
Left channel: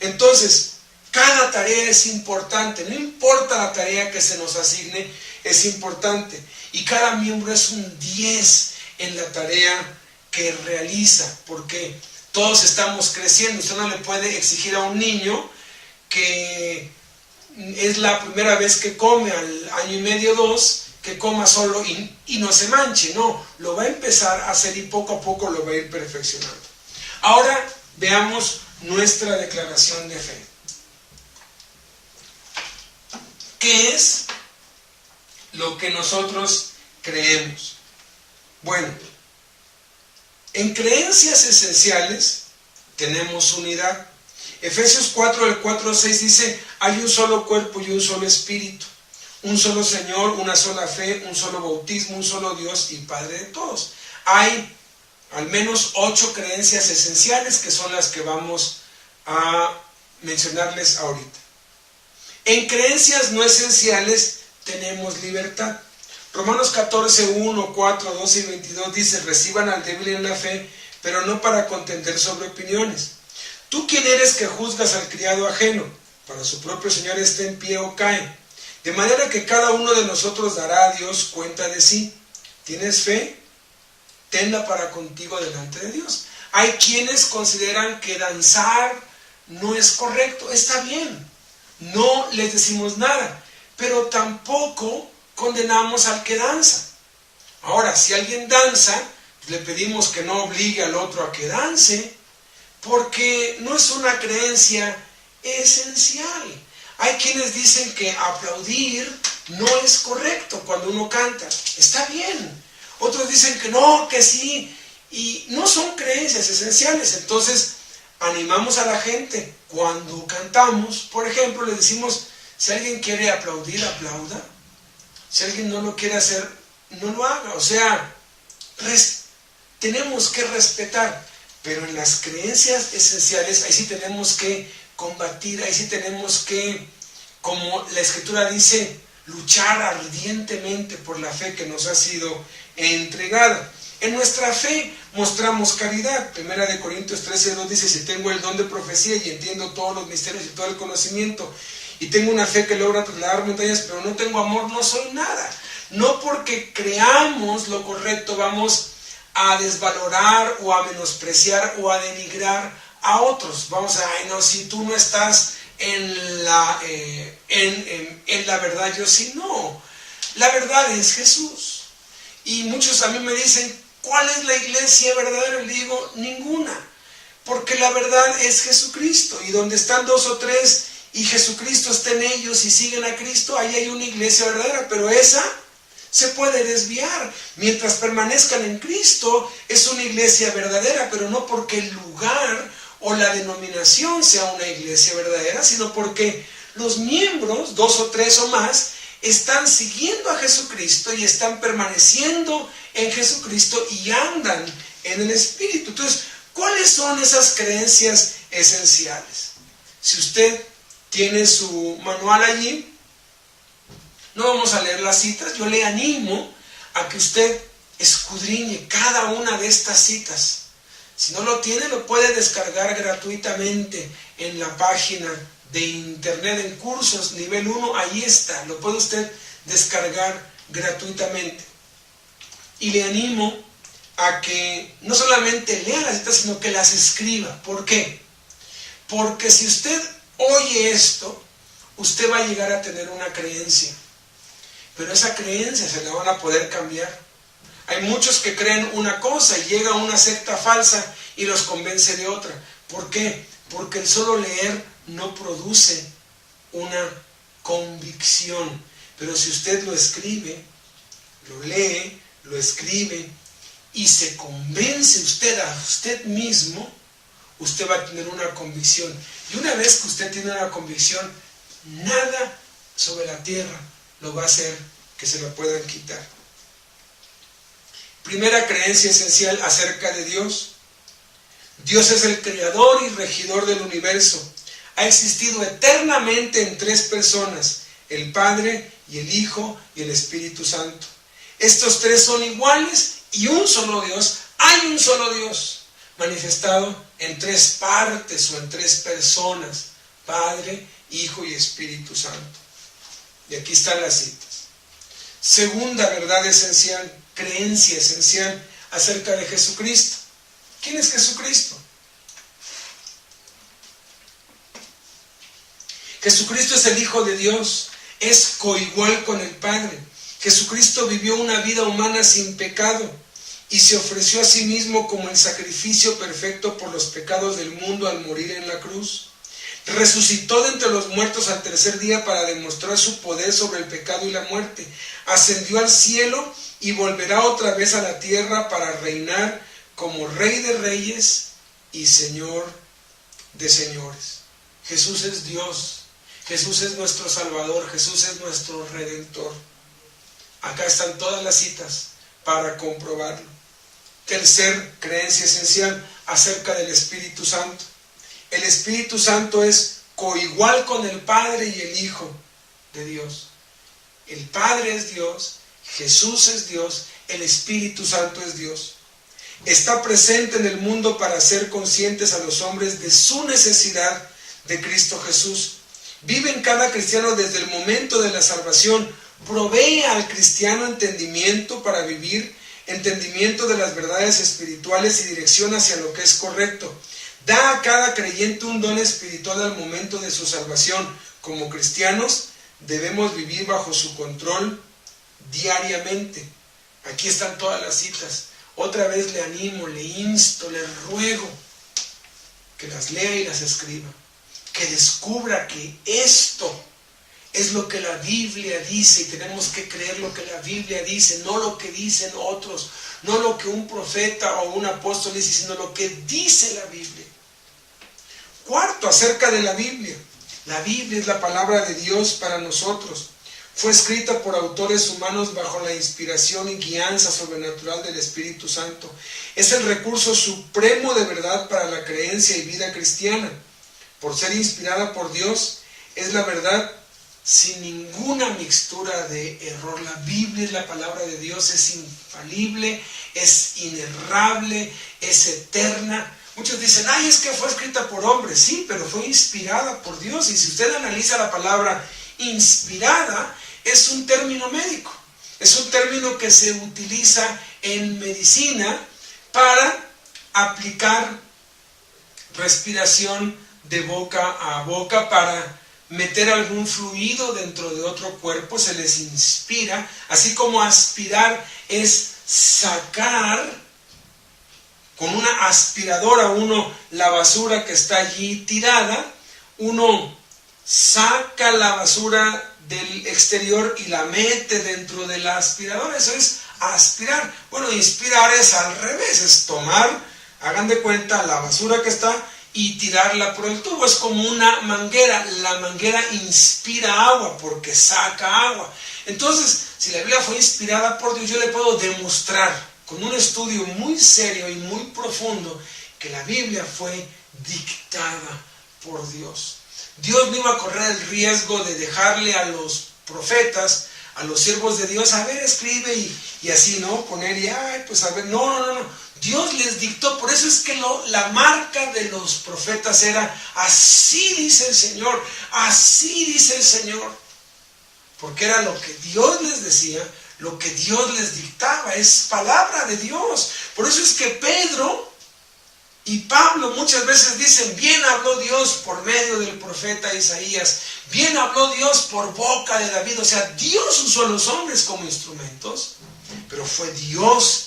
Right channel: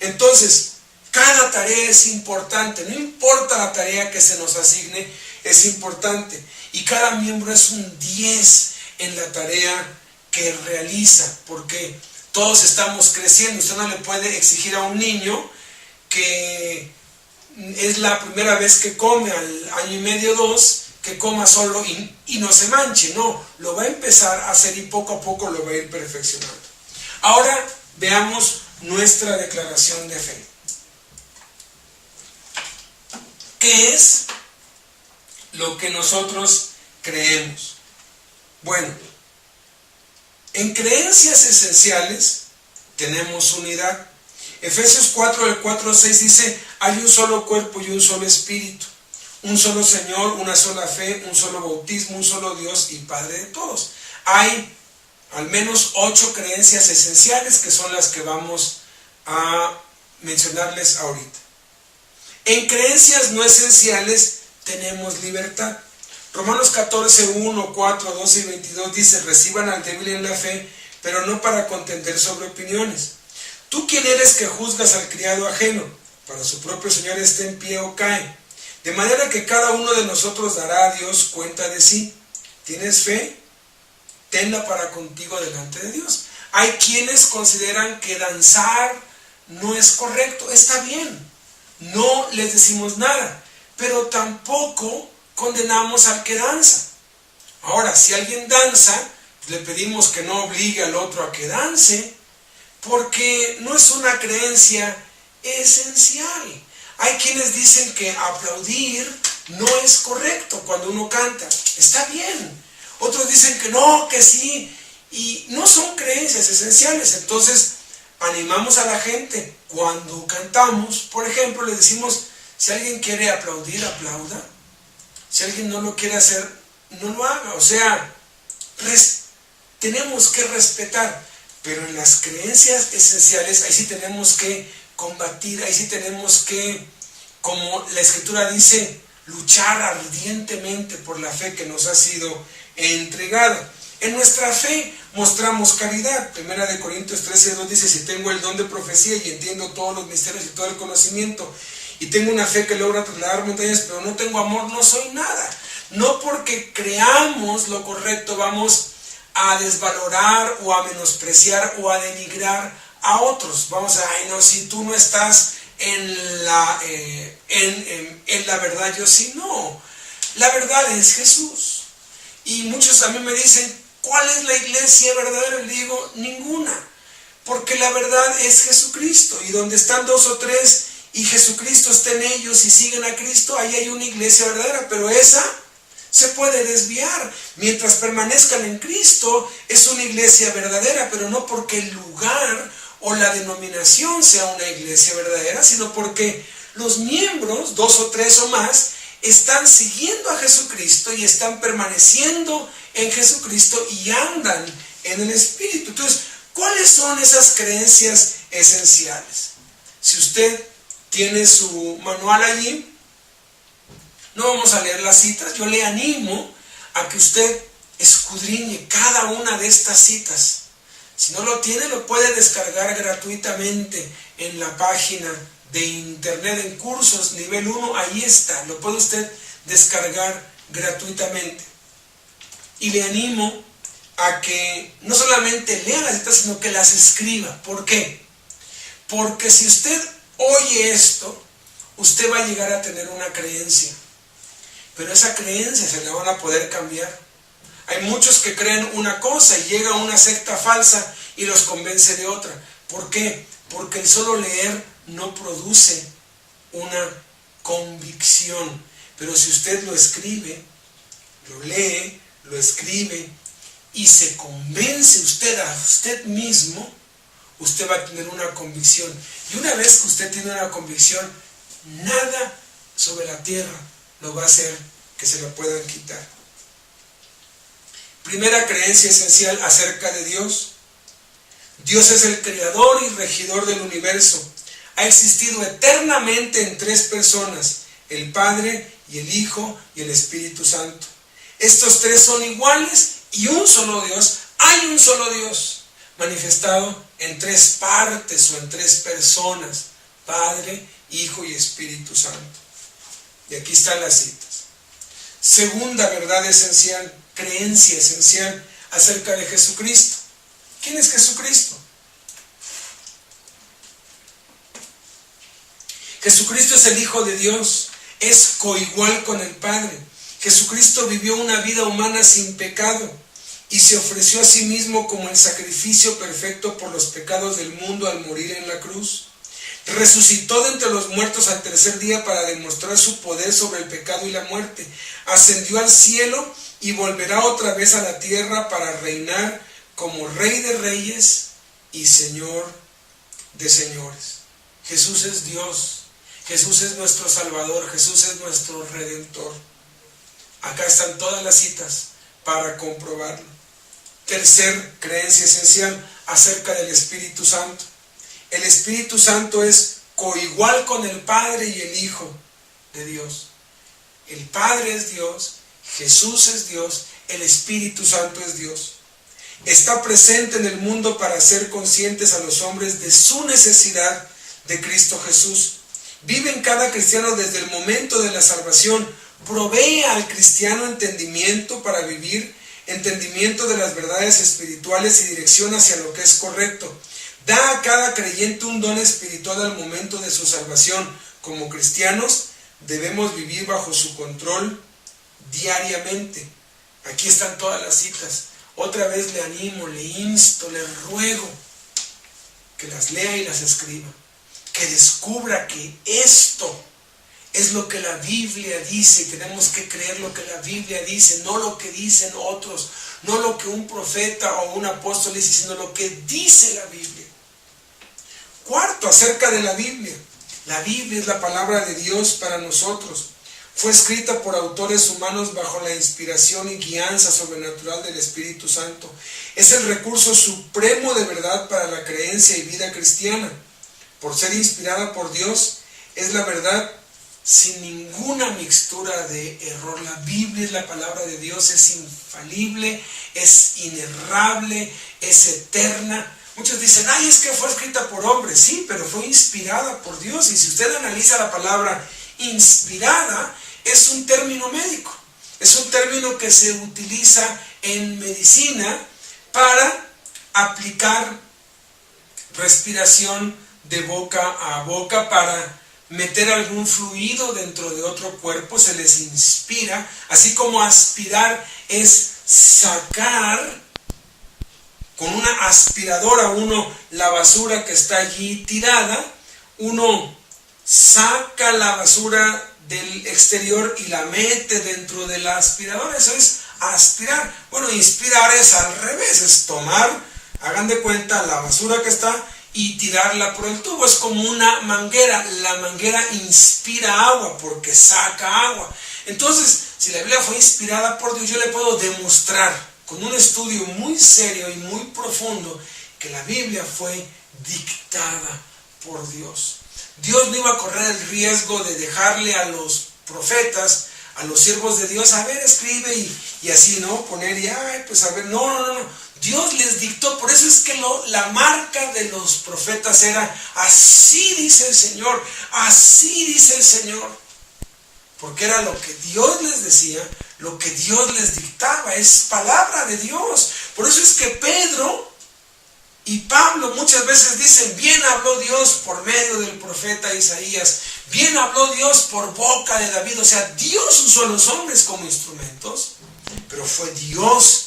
Entonces, cada tarea es importante, no importa la tarea que se nos asigne, es importante. Y cada miembro es un 10 en la tarea que realiza, porque todos estamos creciendo. Usted no le puede exigir a un niño que es la primera vez que come al año y medio, 2, que coma solo y no se manche. No, lo va a empezar a hacer y poco a poco lo va a ir perfeccionando. Ahora veamos nuestra declaración de fe. ¿Qué es lo que nosotros creemos? Bueno, en creencias esenciales tenemos unidad. Efesios 4, del 4 al 6 dice: hay un solo cuerpo y un solo espíritu, un solo Señor, una sola fe, un solo bautismo, un solo Dios y Padre de todos. Hay al menos 8 creencias esenciales que son las que vamos a mencionarles ahorita. En creencias no esenciales tenemos libertad. Romanos 14, 1, 4, 12 y 22 dice: reciban al débil en la fe, pero no para contender sobre opiniones. ¿Tú quién eres que juzgas al criado ajeno? Para su propio Señor esté en pie o cae. De manera que cada uno de nosotros dará a Dios cuenta de sí. ¿Tienes fe? Tenla para contigo delante de Dios. Hay quienes consideran que danzar no es correcto. Está bien, no les decimos nada, pero tampoco condenamos al que danza. Ahora, si alguien danza, le pedimos que no obligue al otro a que dance, porque no es una creencia esencial. Hay quienes dicen que aplaudir no es correcto cuando uno canta. Está bien. Otros dicen que no, que sí. Y no son creencias esenciales. Entonces, animamos a la gente cuando cantamos. Por ejemplo, le decimos: si alguien quiere aplaudir, aplauda. Si alguien no lo quiere hacer, no lo haga. O sea, tenemos que respetar. Pero en las creencias esenciales, ahí sí tenemos que combatir, ahí sí tenemos que, como la Escritura dice, luchar ardientemente por la fe que nos ha sido entregada. En nuestra fe mostramos caridad. 1 Corintios 13, 2 dice: si tengo el don de profecía y entiendo todos los misterios y todo el conocimiento, y tengo una fe que logra trasladar montañas, pero no tengo amor, no soy nada. No porque creamos lo correcto vamos a desvalorar o a menospreciar o a denigrar a otros. Vamos a, ay no, si tú no estás en la verdad, yo sí. No, la verdad es Jesús. Y muchos a mí me dicen: ¿cuál es la iglesia verdadera? Le digo: ninguna, porque la verdad es Jesucristo, y donde están 2 o 3 y Jesucristo está en ellos y siguen a Cristo, ahí hay una iglesia verdadera. Pero esa se puede desviar. Mientras permanezcan en Cristo, es una iglesia verdadera, pero no porque el lugar o la denominación sea una iglesia verdadera, sino porque los miembros, 2 o 3 o más, están siguiendo a Jesucristo y están permaneciendo en Jesucristo y andan en el Espíritu. Entonces, ¿cuáles son esas creencias esenciales? Si usted tiene su manual allí, no vamos a leer las citas. Yo le animo a que usted escudriñe cada una de estas citas. Si no lo tiene, lo puede descargar gratuitamente en la página de internet, en cursos nivel 1, ahí está, lo puede usted descargar gratuitamente. Y le animo a que no solamente lea las citas, sino que las escriba. ¿Por qué? Porque si usted oye esto, usted va a llegar a tener una creencia, pero esa creencia se la van a poder cambiar. Hay muchos que creen una cosa y llega una secta falsa y los convence de otra. ¿Por qué? Porque el solo leer no produce una convicción. Pero si usted lo escribe, lo lee, lo escribe y se convence usted a usted mismo, usted va a tener una convicción. Y una vez que usted tiene una convicción, nada sobre la tierra lo va a hacer que se la puedan quitar. Primera creencia esencial acerca de Dios. Dios es el creador y regidor del universo. Ha existido eternamente en tres personas, el Padre y el Hijo y el Espíritu Santo. Estos tres son iguales y un solo Dios. Hay un solo Dios manifestado en tres partes o en tres personas, Padre, Hijo y Espíritu Santo. Y aquí están las citas. Segunda verdad esencial, creencia esencial acerca de Jesucristo. ¿Quién es Jesucristo? Jesucristo es el Hijo de Dios, es coigual con el Padre. Jesucristo vivió una vida humana sin pecado y se ofreció a sí mismo como el sacrificio perfecto por los pecados del mundo al morir en la cruz. Resucitó de entre los muertos al tercer día para demostrar su poder sobre el pecado y la muerte. Ascendió al cielo y volverá otra vez a la tierra para reinar como Rey de Reyes y Señor de Señores. Jesús es Dios. Jesús es nuestro Salvador. Jesús es nuestro Redentor. Acá están todas las citas para comprobarlo. Tercer creencia esencial acerca del Espíritu Santo. El Espíritu Santo es coigual con el Padre y el Hijo de Dios. El Padre es Dios, Jesús es Dios, el Espíritu Santo es Dios. Está presente en el mundo para hacer conscientes a los hombres de su necesidad de Cristo Jesús. Vive en cada cristiano desde el momento de la salvación. Provee al cristiano entendimiento para vivir, entendimiento de las verdades espirituales y dirección hacia lo que es correcto. Da a cada creyente un don espiritual al momento de su salvación. Como cristianos debemos vivir bajo su control diariamente. Aquí están todas las citas. Otra vez le animo, le insto, le ruego que las lea y las escriba. Que descubra que esto es lo que la Biblia dice y tenemos que creer lo que la Biblia dice, no lo que dicen otros, no lo que un profeta o un apóstol dice, sino lo que dice la Biblia. Cuarto, acerca de la Biblia. La Biblia es la palabra de Dios para nosotros. Fue escrita por autores humanos bajo la inspiración y guianza sobrenatural del Espíritu Santo. Es el recurso supremo de verdad para la creencia y vida cristiana. Por ser inspirada por Dios, es la verdad sin ninguna mixtura de error. La Biblia es la palabra de Dios, es infalible, es inerrable, es eterna. Muchos dicen, ay, es que fue escrita por hombres. Sí, pero fue inspirada por Dios. Y si usted analiza la palabra inspirada, es un término médico. Es un término que se utiliza en medicina para aplicar respiración de boca a boca, para meter algún fluido dentro de otro cuerpo. Se les inspira, así como aspirar es sacar con una aspiradora uno la basura que está allí tirada. Uno saca la basura del exterior y la mete dentro de la aspiradora. Eso es aspirar. Bueno, inspirar es al revés, es tomar, hagan de cuenta, la basura que está y tirarla por el tubo. Es como una manguera. La manguera inspira agua porque saca agua. Entonces, si la Biblia fue inspirada por Dios, yo le puedo demostrar con un estudio muy serio y muy profundo que la Biblia fue dictada por Dios. Dios no iba a correr el riesgo de dejarle a los profetas a los siervos de Dios, a ver, escribe y así, ¿no? Poner y, ay, pues a ver, no. Dios les dictó, por eso es que la marca de los profetas era, así dice el Señor, así dice el Señor. Porque era lo que Dios les decía, lo que Dios les dictaba, es palabra de Dios. Por eso es que Pedro y Pablo muchas veces dicen, bien habló Dios por medio del profeta Isaías, bien habló Dios por boca de David. O sea, Dios usó a los hombres como instrumentos, pero fue Dios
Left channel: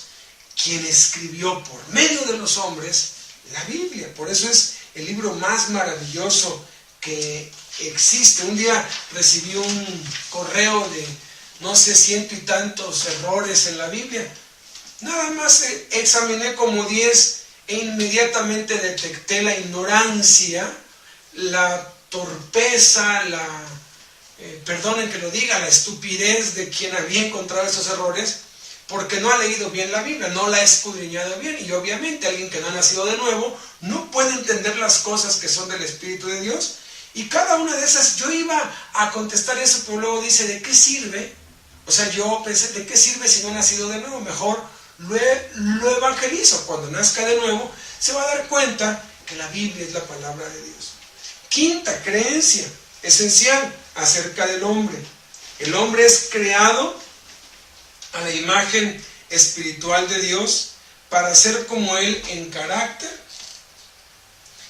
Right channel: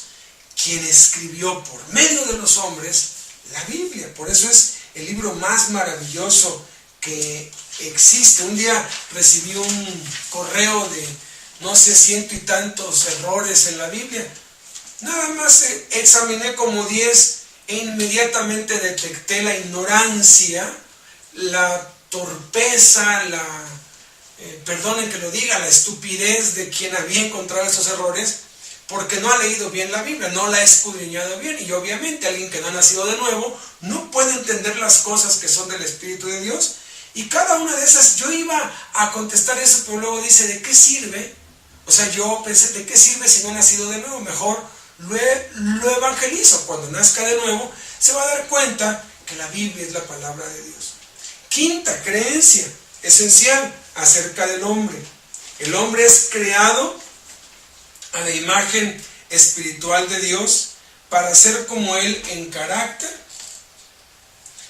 quien escribió por medio de los hombres la Biblia. Por eso es el libro más maravilloso que existe. Un día recibí un correo de, no sé, 100 y tantos errores en la Biblia. Nada más examiné como 10 e inmediatamente detecté la ignorancia, la torpeza, perdonen que lo diga, la estupidez de quien había encontrado esos errores, porque no ha leído bien la Biblia, no la ha escudriñado bien. Y obviamente alguien que no ha nacido de nuevo no puede entender las cosas que son del Espíritu de Dios. Y cada una de esas, yo iba a contestar eso, pero luego dice, ¿de qué sirve? O sea, yo pensé, ¿de qué sirve si no ha nacido de nuevo? Mejor lo evangelizo. Cuando nazca de nuevo, se va a dar cuenta que la Biblia es la palabra de Dios. Quinta creencia esencial acerca del hombre. El hombre es creado a la imagen espiritual de Dios para ser como Él en carácter,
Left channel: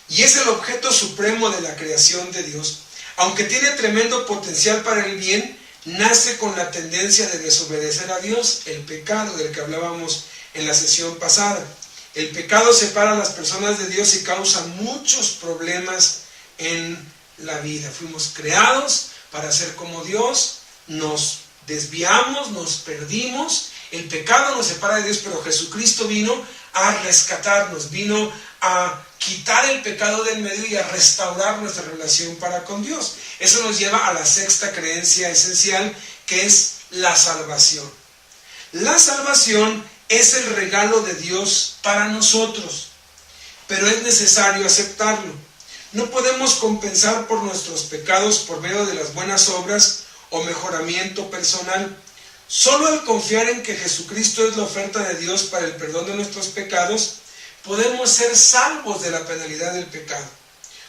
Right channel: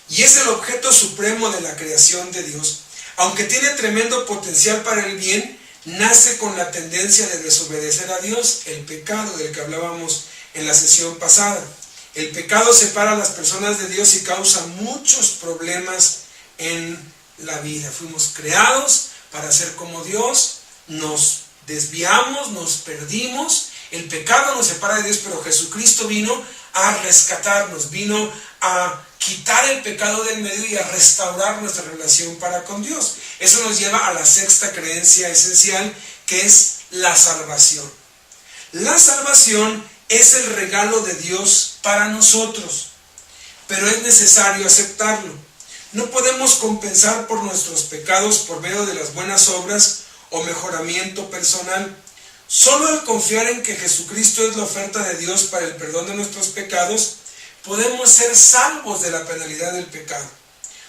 y es el objeto supremo de la creación de Dios. Aunque tiene tremendo potencial para el bien, nace con la tendencia de desobedecer a Dios, el pecado del que hablábamos en la sesión pasada. El pecado separa a las personas de Dios y causa muchos problemas en la vida. Fuimos creados para ser como Dios, nos desviamos, nos perdimos, el pecado nos separa de Dios, pero Jesucristo vino a rescatarnos, vino a quitar el pecado del medio y a restaurar nuestra relación para con Dios. Eso nos lleva a la sexta creencia esencial, que es la salvación. La salvación es el regalo de Dios para nosotros, pero es necesario aceptarlo. No podemos compensar por nuestros pecados por medio de las buenas obras o mejoramiento personal. Solo al confiar en que Jesucristo es la oferta de Dios para el perdón de nuestros pecados, podemos ser salvos de la penalidad del pecado.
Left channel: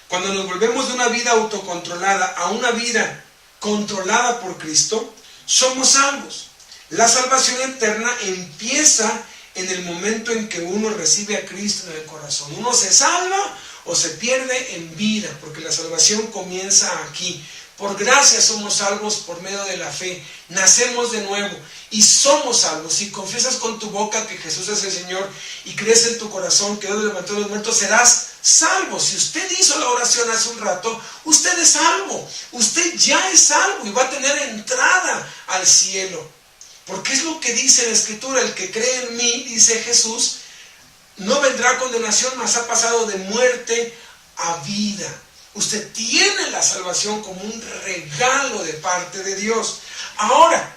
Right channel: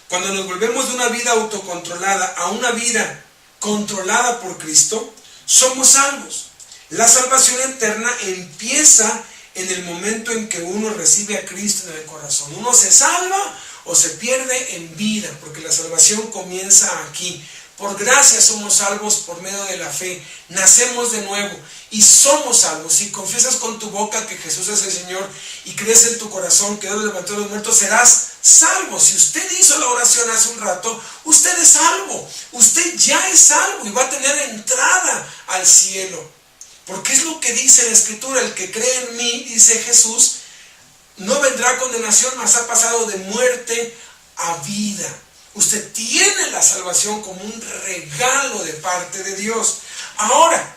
Cuando nos volvemos de una vida autocontrolada a una vida controlada por Cristo, somos salvos. La salvación eterna empieza en el momento en que uno recibe a Cristo en el corazón. Uno se salva o se pierde en vida, porque la salvación comienza aquí. Por gracia somos salvos por medio de la fe. Nacemos de nuevo y somos salvos. Si confiesas con tu boca que Jesús es el Señor y crees en tu corazón que Dios levantó a los muertos, serás salvo. Si usted hizo la oración hace un rato, usted es salvo. Usted ya es salvo y va a tener entrada al cielo. Porque es lo que dice la Escritura: el que cree en mí, dice Jesús, no vendrá a condenación, mas ha pasado de muerte a vida. Usted tiene la salvación como un regalo de parte de Dios. Ahora,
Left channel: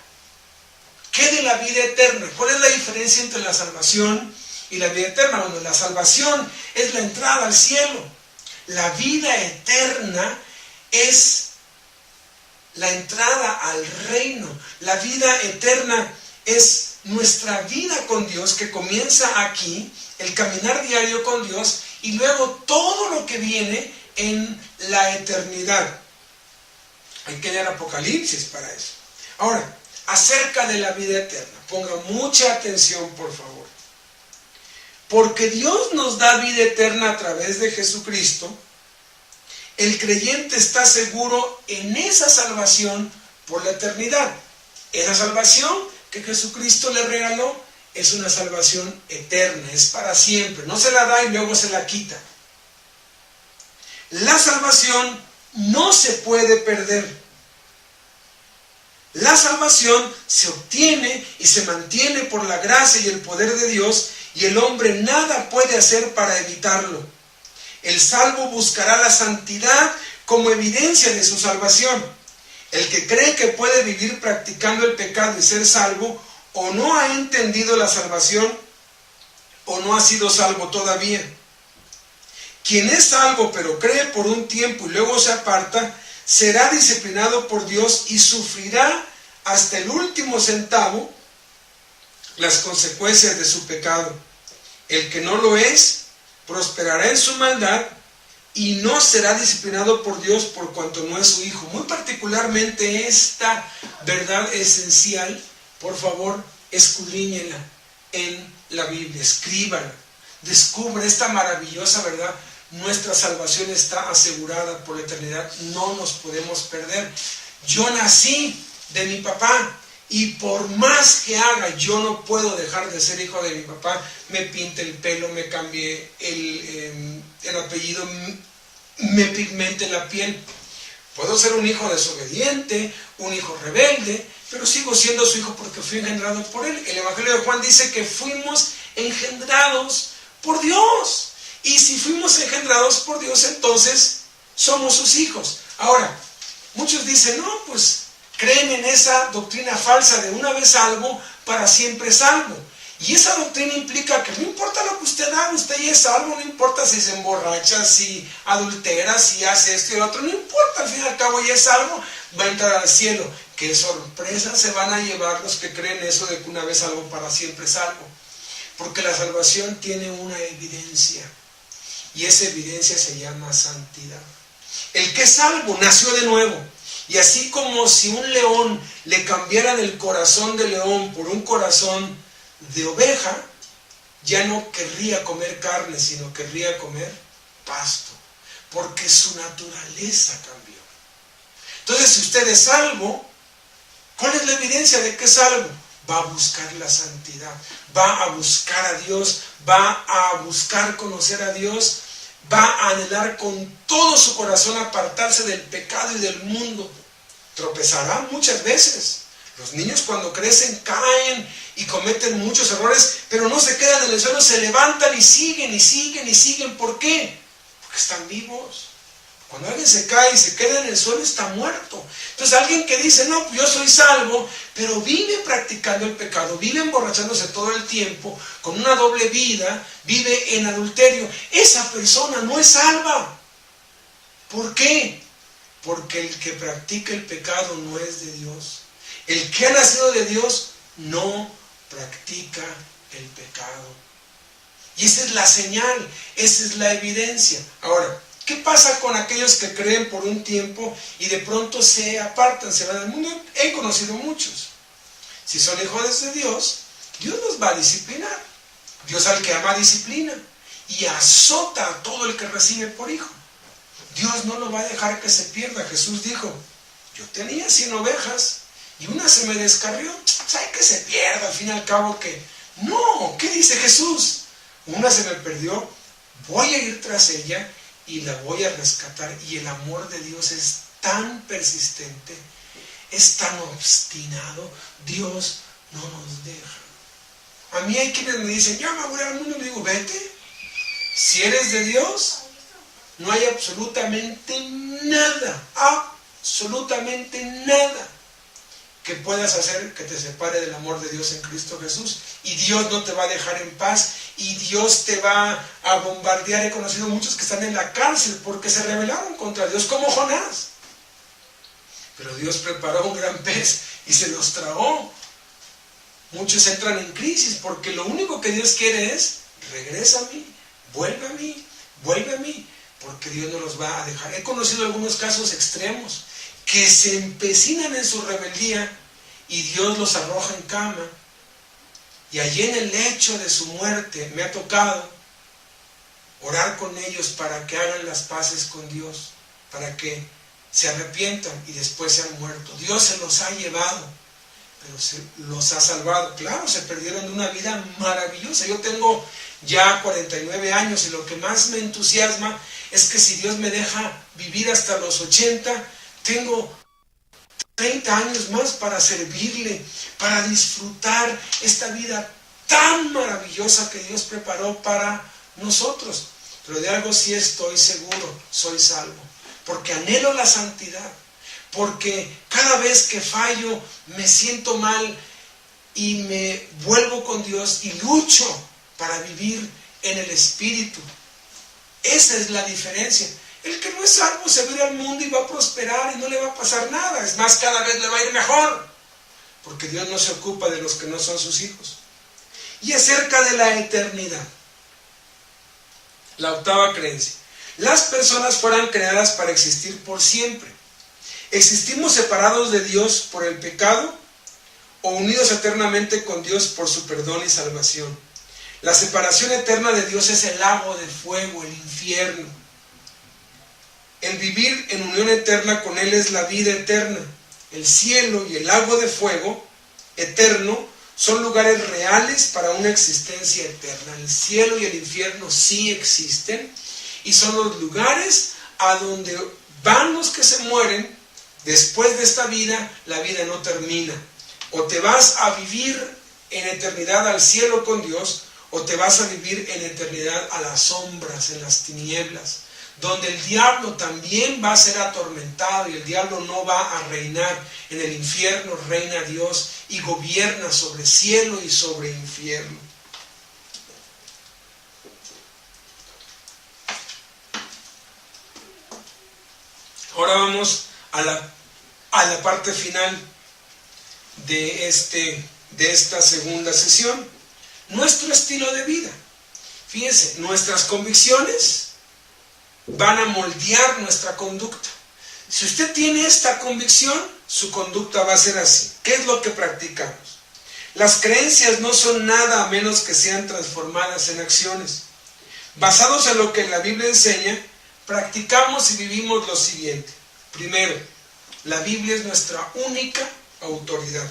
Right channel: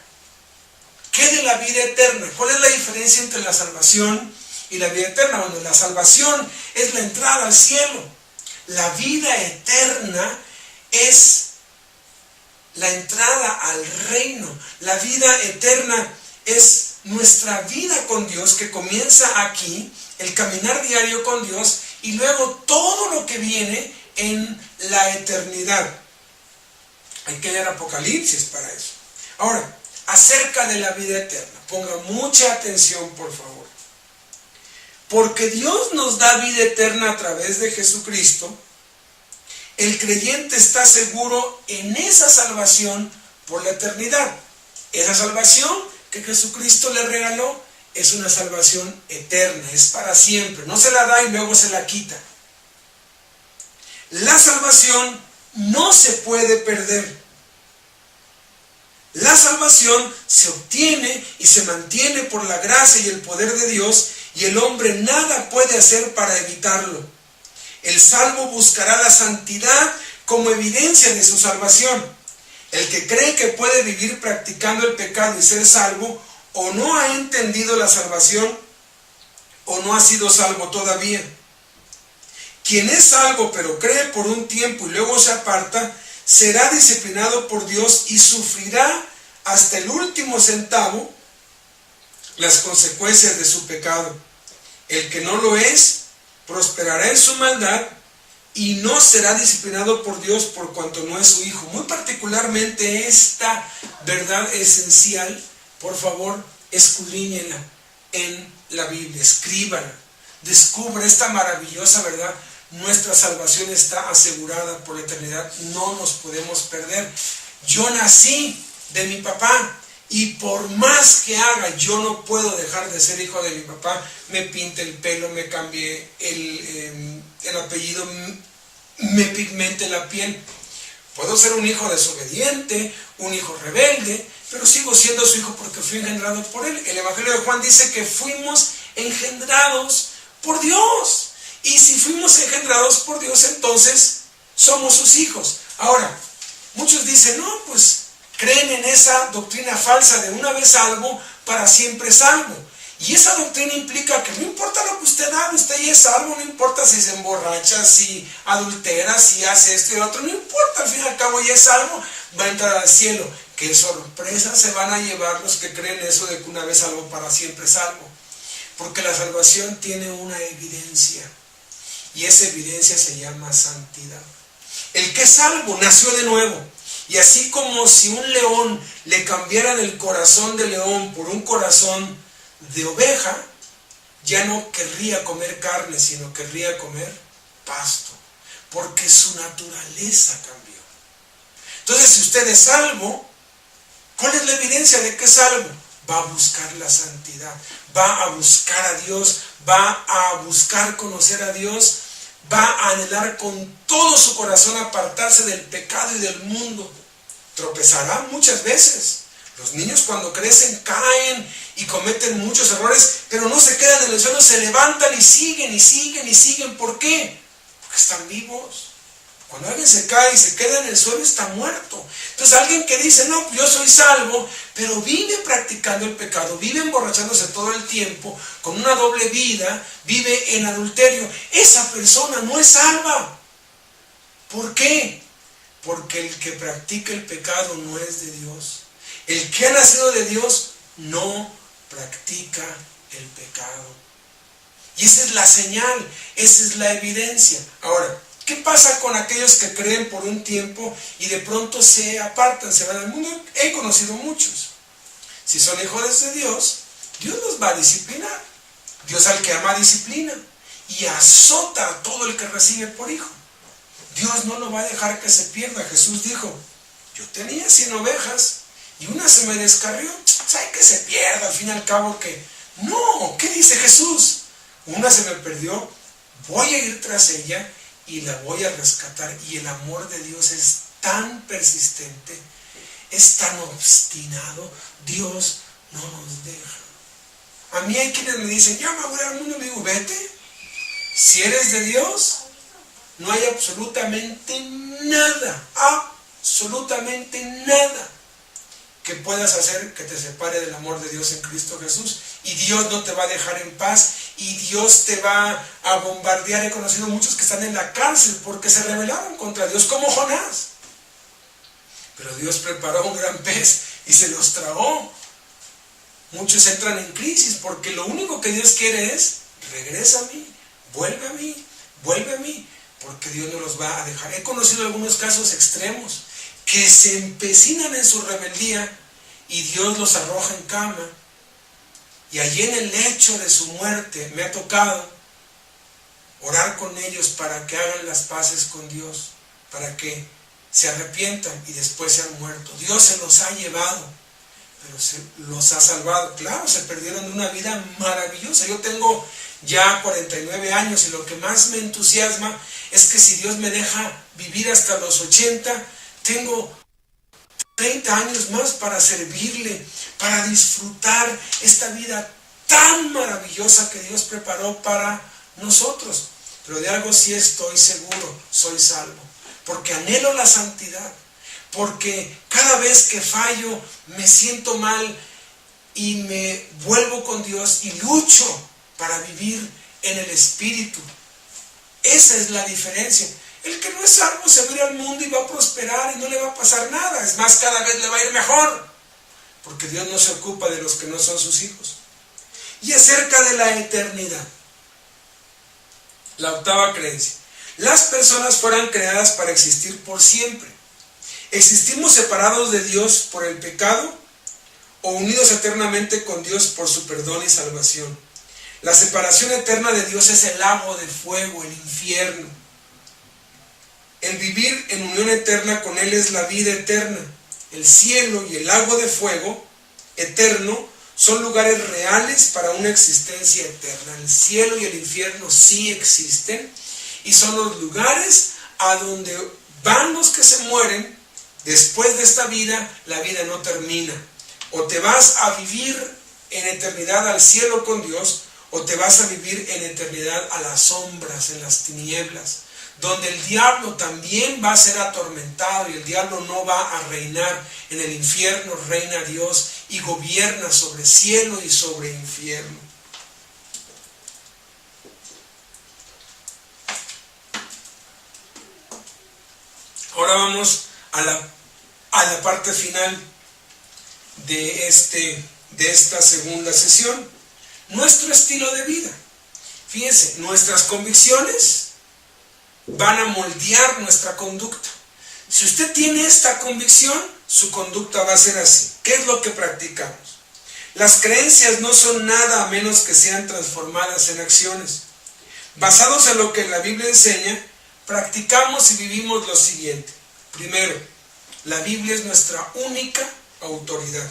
¿qué de la vida eterna? ¿Cuál es la diferencia entre la salvación y la vida eterna? Bueno, la salvación es la entrada al cielo. La vida eterna es la entrada al reino. La vida eterna es nuestra vida con Dios, que comienza aquí, el caminar diario con Dios, y luego todo lo que viene en la eternidad. Hay que leer Apocalipsis para eso. Ahora, acerca de la vida eterna, ponga mucha atención, por favor. Porque Dios nos da vida eterna a través de Jesucristo, el creyente está seguro en esa salvación por la eternidad. Esa salvación que Jesucristo le regaló es una salvación eterna, es para siempre. No se la da y luego se la quita. La salvación no se puede perder. La salvación se obtiene y se mantiene por la gracia y el poder de Dios, y el hombre nada puede hacer para evitarlo. El salvo buscará la santidad como evidencia de su salvación. El que cree que puede vivir practicando el pecado y ser salvo, o no ha entendido la salvación, o no ha sido salvo todavía. Quien es salvo pero cree por un tiempo y luego se aparta, será disciplinado por Dios y sufrirá hasta el último centavo las consecuencias de su pecado. El que no lo es, prosperará en su maldad y no será disciplinado por Dios por cuanto no es su hijo. Muy particularmente esta verdad esencial, por favor, escudriñenla en la Biblia, escríbala, descubre esta maravillosa verdad. Nuestra salvación está asegurada por la eternidad, no nos podemos perder. Yo nací de mi papá y por más que haga, yo no puedo dejar de ser hijo de mi papá. Me pinte el pelo, me cambie el apellido, me pigmente la piel. Puedo ser un hijo desobediente, un hijo rebelde, pero sigo siendo su hijo porque fui engendrado por él. El Evangelio de Juan dice que fuimos engendrados por Dios. Y si fuimos engendrados por Dios, entonces somos sus hijos. Ahora, muchos dicen, no, pues creen en esa doctrina falsa de una vez salvo, para siempre salvo. Y esa doctrina implica que no importa lo que usted haga, usted ya es salvo, no importa si se emborracha, si adultera, si hace esto y lo otro, no importa, al fin y al cabo ya es salvo, va a entrar al cielo. Qué sorpresa se van a llevar los que creen eso de que una vez salvo, para siempre salvo. Porque la salvación tiene una evidencia, y esa evidencia se llama santidad. El que es salvo nació de nuevo. Y así como si un león le cambiaran el corazón de león por un corazón de oveja, ya no querría comer carne, sino querría comer pasto, porque su naturaleza cambió. Entonces, si usted es salvo, ¿cuál es la evidencia de que es salvo? Va a buscar la santidad, va a buscar a Dios, va a buscar conocer a Dios, va a anhelar con todo su corazón apartarse del pecado y del mundo. Tropezará muchas veces. Los niños cuando crecen caen y cometen muchos errores, pero no se quedan en el suelo, se levantan y siguen y siguen y siguen. ¿Por qué? Porque están vivos. Cuando alguien se cae y se queda en el suelo, está muerto. Entonces alguien que dice, no, pues yo soy salvo, pero vive practicando el pecado, vive emborrachándose todo el tiempo, con una doble vida, vive en adulterio, esa persona no es salva. ¿Por qué? Porque el que practica el pecado no es de Dios. El que ha nacido de Dios no practica el pecado. Y esa es la señal, esa es la evidencia. Ahora, ¿qué pasa con aquellos que creen por un tiempo y de pronto se apartan, se van al mundo? He conocido muchos. Si son hijos de Dios, Dios los va a disciplinar. Dios al que ama disciplina y azota a todo el que recibe por hijo. Dios no lo va a dejar que se pierda. Jesús dijo, yo tenía 100 ovejas y una se me descarrió. ¿Sabe que se pierda al fin y al cabo? Que no, ¿qué dice Jesús? Una se me perdió, voy a ir tras ella y la voy a rescatar. Y el amor de Dios es tan persistente, es tan obstinado. Dios no nos deja. A mí hay quienes me dicen, ya me voy al mundo. Le digo, vete. Si eres de Dios, no hay absolutamente nada, absolutamente nada que puedas hacer que te separe del amor de Dios en Cristo Jesús. Y Dios no te va a dejar en paz, y Dios te va a bombardear. He conocido muchos que están en la cárcel porque se rebelaron contra Dios, como Jonás. Pero Dios preparó un gran pez y se los tragó. Muchos entran en crisis porque lo único que Dios quiere es, regresa a mí, vuelve a mí, vuelve a mí, porque Dios no los va a dejar. He conocido algunos casos extremos que se empecinan en su rebeldía y Dios los arroja en cama, y allí en el lecho de su muerte me ha tocado orar con ellos para que hagan las paces con Dios, para que se arrepientan y después se han muerto. Dios se los ha llevado, pero se los ha salvado. Claro, se perdieron de una vida maravillosa. Yo tengo ya 49 años y lo que más me entusiasma es que si Dios me deja vivir hasta los 80, tengo 30 años más para servirle, para disfrutar esta vida tan maravillosa que Dios preparó para nosotros. Pero de algo sí estoy seguro, soy salvo, porque anhelo la santidad, porque cada vez que fallo me siento mal y me vuelvo con Dios y lucho para vivir en el Espíritu. Esa es la diferencia. El que no es salvo se va a ir al mundo y va a prosperar y no le va a pasar nada. Es más, cada vez le va a ir mejor. porque Dios no se ocupa de los que no son sus hijos. Y acerca de la eternidad, la octava creencia: las personas fueron creadas para existir por siempre. ¿Existimos separados de Dios por el pecado o unidos eternamente con Dios por su perdón y salvación? La separación eterna de Dios es el lago de fuego, el infierno. El vivir en unión eterna con Él es la vida eterna. El cielo y el lago de fuego eterno son lugares reales para una existencia eterna. El cielo y el infierno sí existen y son los lugares a donde van los que se mueren. Después de esta vida, la vida no termina. O te vas a vivir en eternidad al cielo con Dios, o te vas a vivir en eternidad a las sombras, en las tinieblas, donde el diablo también va a ser atormentado y el diablo no va a reinar. En el infierno reina Dios y gobierna sobre cielo y sobre infierno. Ahora vamos a la parte final de esta segunda sesión. Nuestro estilo de vida. Fíjense, nuestras convicciones van a moldear nuestra conducta. Si usted tiene esta convicción, su conducta va a ser así. ¿Qué es lo que practicamos? Las creencias no son nada a menos que sean transformadas en acciones. Basados en lo que la Biblia enseña, practicamos y vivimos lo siguiente. Primero, la Biblia es nuestra única autoridad.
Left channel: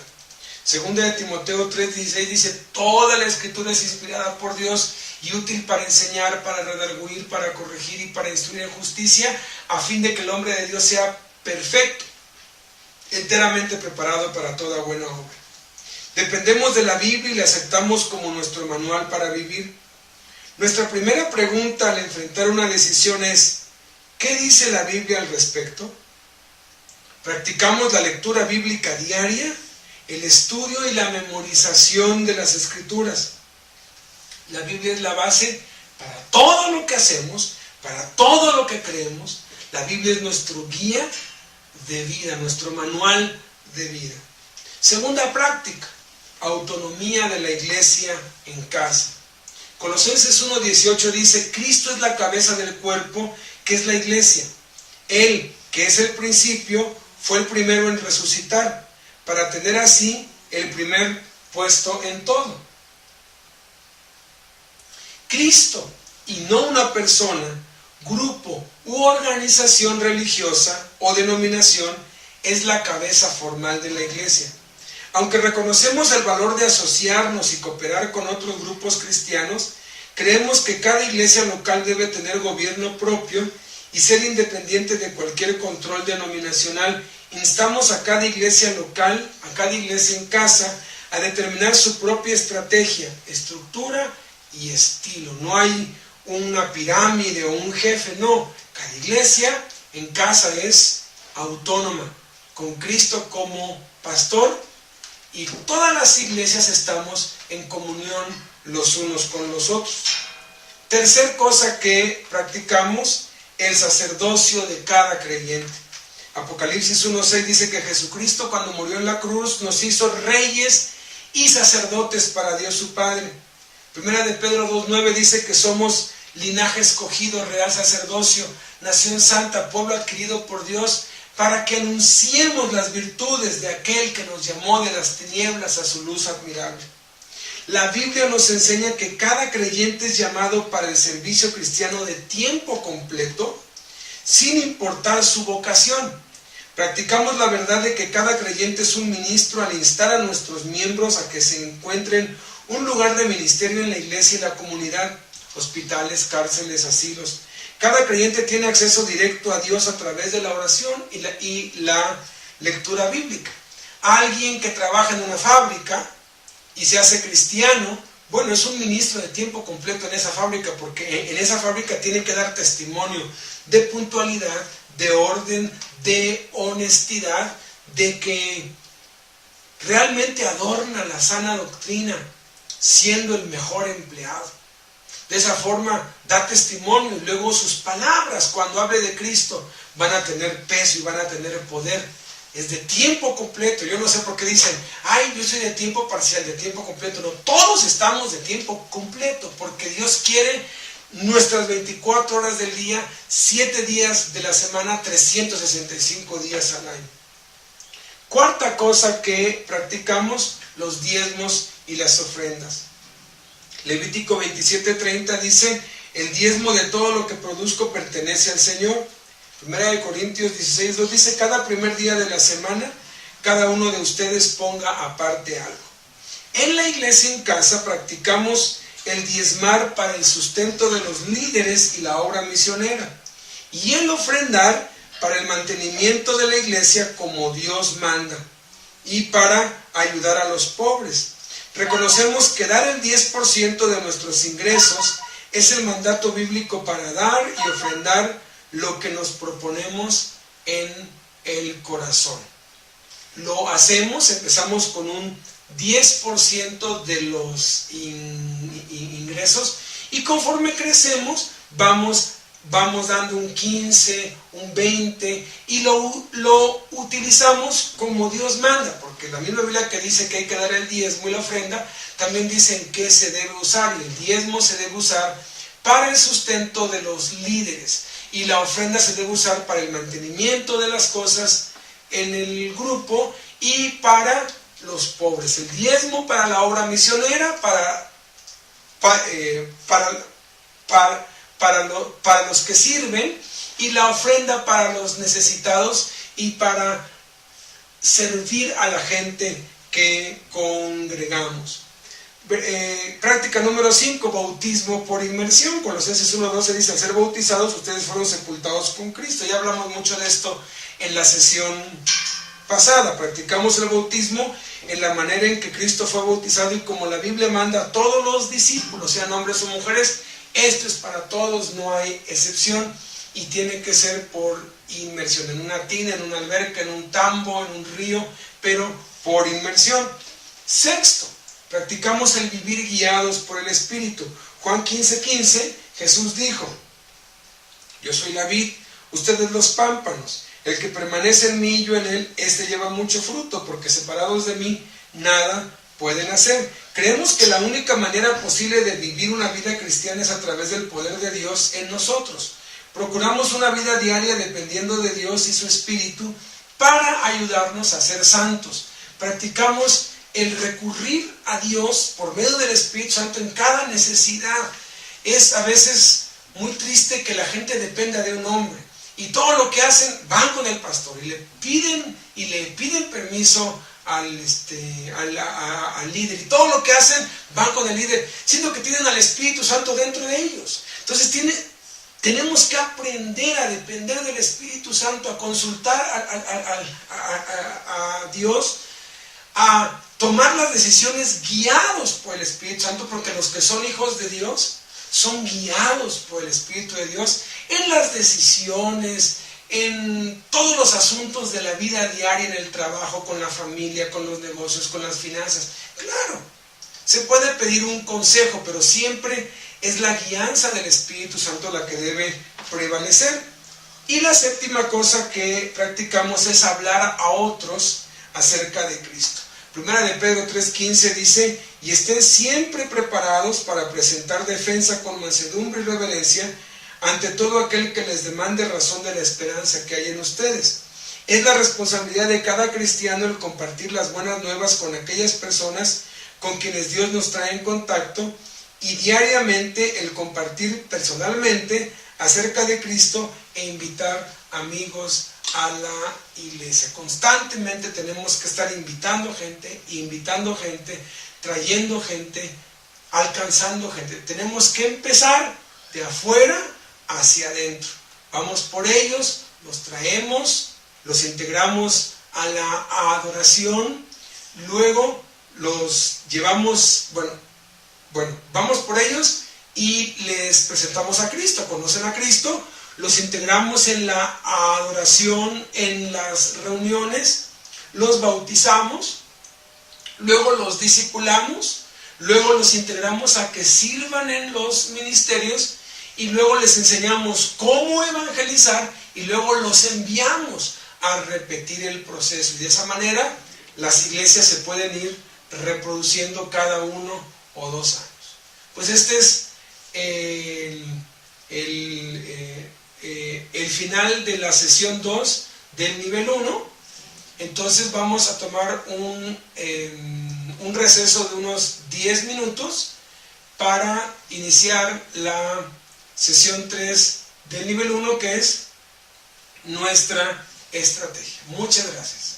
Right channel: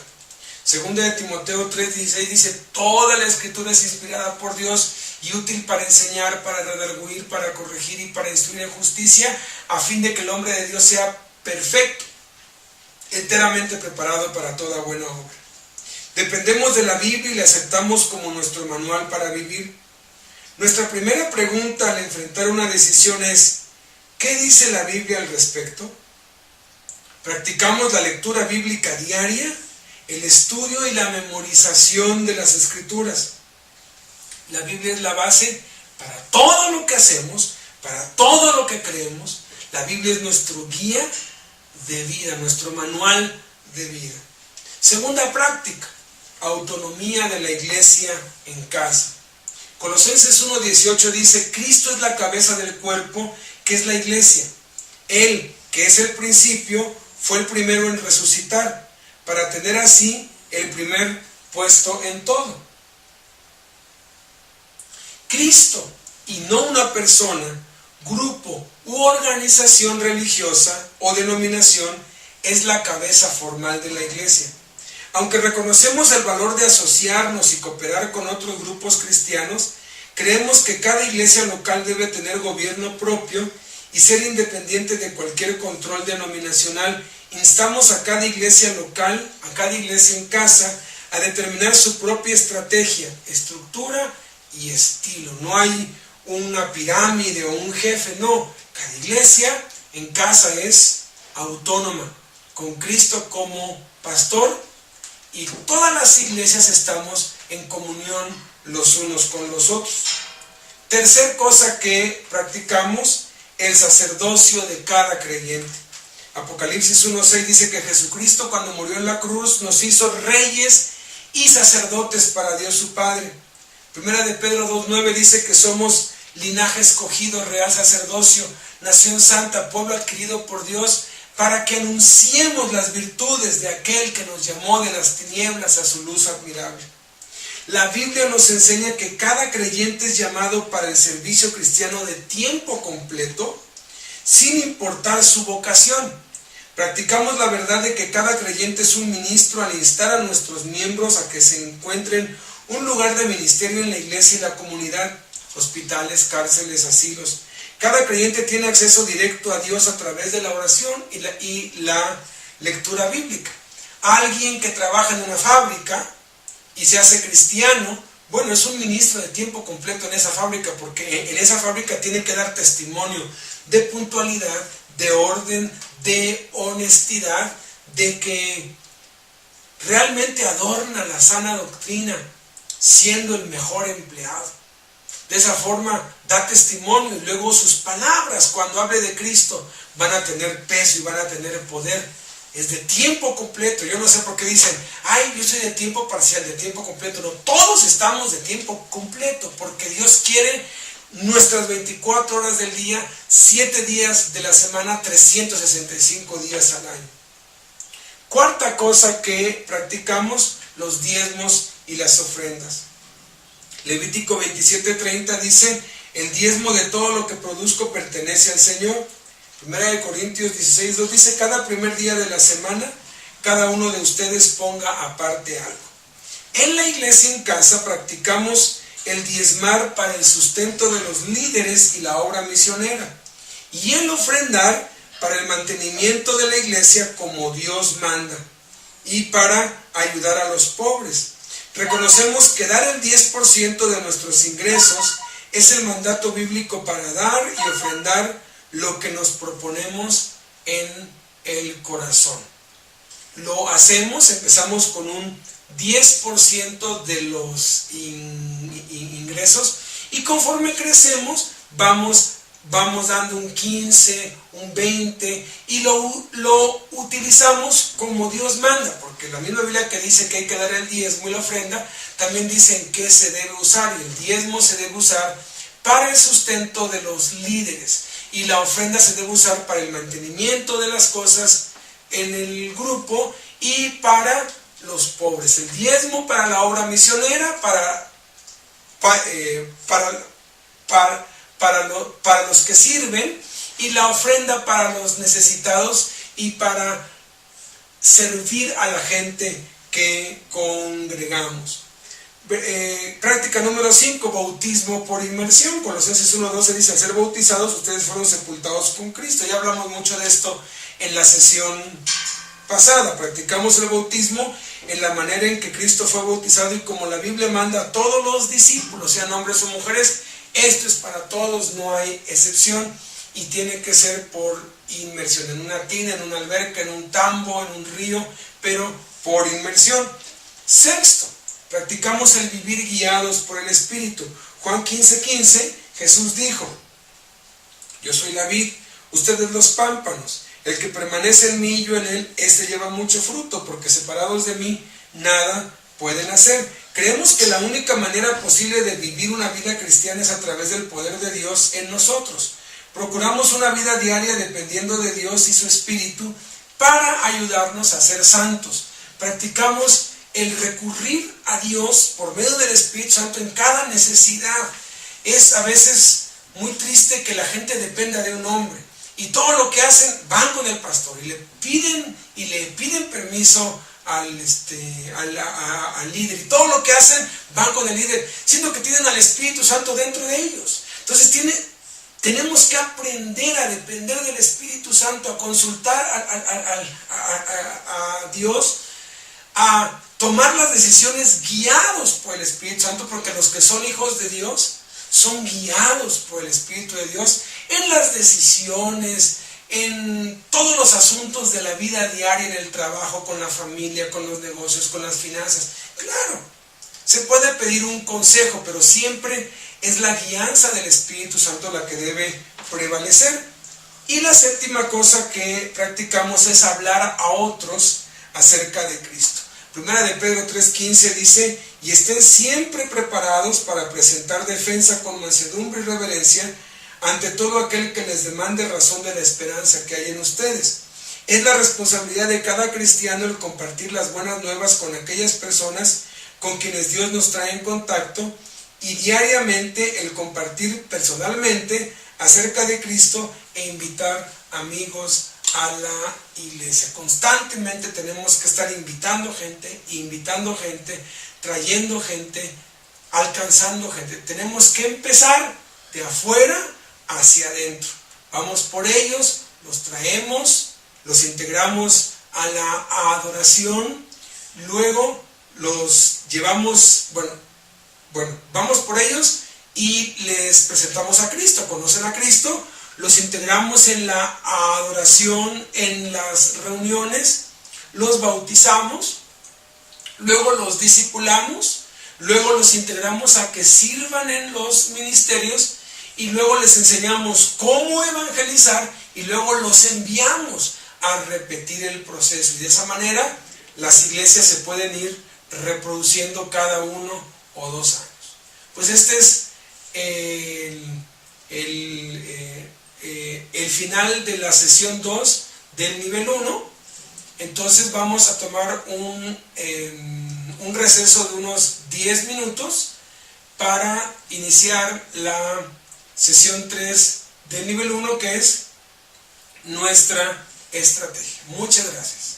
Segunda de Timoteo 3:16 dice: toda la escritura es inspirada por Dios y útil para enseñar, para redarguir, para corregir y para instruir en justicia, a fin de que el hombre de Dios sea perfecto, enteramente preparado para toda buena obra. Dependemos de la Biblia y la aceptamos como nuestro manual para vivir. Nuestra primera pregunta al enfrentar una decisión es: ¿qué dice la Biblia al respecto? ¿Practicamos la lectura bíblica diaria, el estudio y la memorización de las Escrituras? La Biblia es la base para todo lo que hacemos, para todo lo que creemos. La Biblia es nuestro guía de vida, nuestro manual de vida. Segunda práctica: autonomía de la iglesia en casa. Colosenses 1:18 dice: Cristo es la cabeza del cuerpo, que es la iglesia. Él, que es el principio, fue el primero en resucitar, para tener así el primer puesto en todo. Cristo, y no una persona, grupo u organización religiosa o denominación, es la cabeza formal de la iglesia. Aunque reconocemos el valor de asociarnos y cooperar con otros grupos cristianos, creemos que cada iglesia local debe tener gobierno propio y ser independiente de cualquier control denominacional. Instamos a cada iglesia local, a cada iglesia en casa, a determinar su propia estrategia, estructura y estilo. No hay una pirámide o un jefe, no. Cada iglesia en casa es autónoma, con Cristo como pastor, y todas las iglesias estamos en comunión los unos con los otros. Tercer cosa que practicamos: el sacerdocio de cada creyente. Apocalipsis 1:6 dice que Jesucristo, cuando murió en la cruz, nos hizo reyes y sacerdotes para Dios su Padre. Primera de Pedro 2:9 dice que somos linaje escogido, real sacerdocio, nación santa, pueblo adquirido por Dios, para que anunciemos las virtudes de aquel que nos llamó de las tinieblas a su luz admirable. La Biblia nos enseña que cada creyente es llamado para el servicio cristiano de tiempo completo, sin importar su vocación. Practicamos la verdad de que cada creyente es un ministro al instar a nuestros miembros a que se encuentren un lugar de ministerio en la iglesia y la comunidad, hospitales, cárceles, asilos. Cada creyente tiene acceso directo a Dios a través de la oración y la lectura bíblica. Alguien que trabaja en una fábrica y se hace cristiano, bueno, es un ministro de tiempo completo en esa fábrica, porque en esa fábrica tiene que dar testimonio de puntualidad, de orden, de honestidad, de que realmente adorna la sana doctrina, siendo el mejor empleado. De esa forma da testimonio, y luego sus palabras, cuando hable de Cristo, van a tener peso y van a tener poder es de tiempo completo. Yo no sé por qué dicen, ay, yo soy de tiempo parcial, de tiempo completo. No, todos estamos de tiempo completo, porque Dios quiere nuestras 24 horas del día, 7 días de la semana, 365 días al año. Cuarta cosa que practicamos, los diezmos y las ofrendas. Levítico 27:30 dice, el diezmo de todo lo que produzco pertenece al Señor. Primera de Corintios 16:2 dice, cada primer día de la semana, cada uno de ustedes ponga aparte algo. En la iglesia en casa practicamos el diezmar para el sustento de los líderes y la obra misionera, y el ofrendar para el mantenimiento de la iglesia como Dios manda, y para ayudar a los pobres. Reconocemos que dar el 10% de nuestros ingresos es el mandato bíblico para dar y ofrendar lo que nos proponemos en el corazón. Lo hacemos, empezamos con un 10% de los ingresos, y conforme crecemos vamos dando un 15, un 20, y lo utilizamos como Dios manda, porque la misma Biblia que dice que hay que dar el diezmo y la ofrenda, también dice en qué se debe usar, y el diezmo se debe usar para el sustento de los líderes, y la ofrenda se debe usar para el mantenimiento de las cosas en el grupo y para los pobres. El diezmo para la obra misionera, para los que sirven, y la ofrenda para los necesitados y para servir a la gente que congregamos. Práctica número 5, bautismo por inmersión. Colosenses 1:12 dice, al ser bautizados ustedes fueron sepultados con Cristo. Ya hablamos mucho de esto en la sesión pasada. Practicamos el bautismo en la manera en que Cristo fue bautizado y como la Biblia manda a todos los discípulos, sean hombres o mujeres. Esto es para todos, no hay excepción, y tiene que ser por inmersión, en una tina, en una alberca, en un tambo, en un río, pero por inmersión. Sexto, practicamos el vivir guiados por el Espíritu. Juan 15:15, Jesús dijo, yo soy la vid, ustedes los pámpanos. El que permanece en mí y yo en él, este lleva mucho fruto, porque separados de mí nada pueden hacer. Creemos que la única manera posible de vivir una vida cristiana es a través del poder de Dios en nosotros. Procuramos una vida diaria dependiendo de Dios y su Espíritu para ayudarnos a ser santos. Practicamos el recurrir a Dios por medio del Espíritu Santo en cada necesidad. Es a veces muy triste que la gente dependa de un hombre, y todo lo que hacen van con el pastor y le piden permiso al líder, y todo lo que hacen van con el líder, siendo que tienen al Espíritu Santo dentro de ellos. Entonces tenemos que aprender a depender del Espíritu Santo, a consultar a Dios, a tomar las decisiones guiados por el Espíritu Santo, porque los que son hijos de Dios son guiados por el Espíritu de Dios en las decisiones, en todos los asuntos de la vida diaria, en el trabajo, con la familia, con los negocios, con las finanzas. Claro, se puede pedir un consejo, pero siempre es la guianza del Espíritu Santo la que debe prevalecer. Y la séptima cosa que practicamos es hablar a otros acerca de Cristo. Primera de Pedro 3:15 dice, y estén siempre preparados para presentar defensa con mansedumbre y reverencia ante todo aquel que les demande razón de la esperanza que hay en ustedes. Es la responsabilidad de cada cristiano el compartir las buenas nuevas con aquellas personas con quienes Dios nos trae en contacto, y diariamente el compartir personalmente acerca de Cristo e invitar amigos a la iglesia. Constantemente tenemos que estar invitando gente, trayendo gente, alcanzando gente. Tenemos que empezar de afuera hacia adentro. Vamos por ellos, los traemos, los integramos a la adoración, luego los llevamos, vamos por ellos y les presentamos a Cristo, conocen a Cristo, los integramos en la adoración, en las reuniones, los bautizamos, luego los discipulamos, luego los integramos a que sirvan en los ministerios, y luego les enseñamos cómo evangelizar, y luego los enviamos a repetir el proceso. Y de esa manera las iglesias se pueden ir reproduciendo cada 1 o 2 años. Pues este es el final de la sesión 2 del nivel 1. Entonces vamos a tomar un receso de unos 10 minutos para iniciar la sesión 3 del nivel 1, que es nuestra estrategia. Muchas gracias.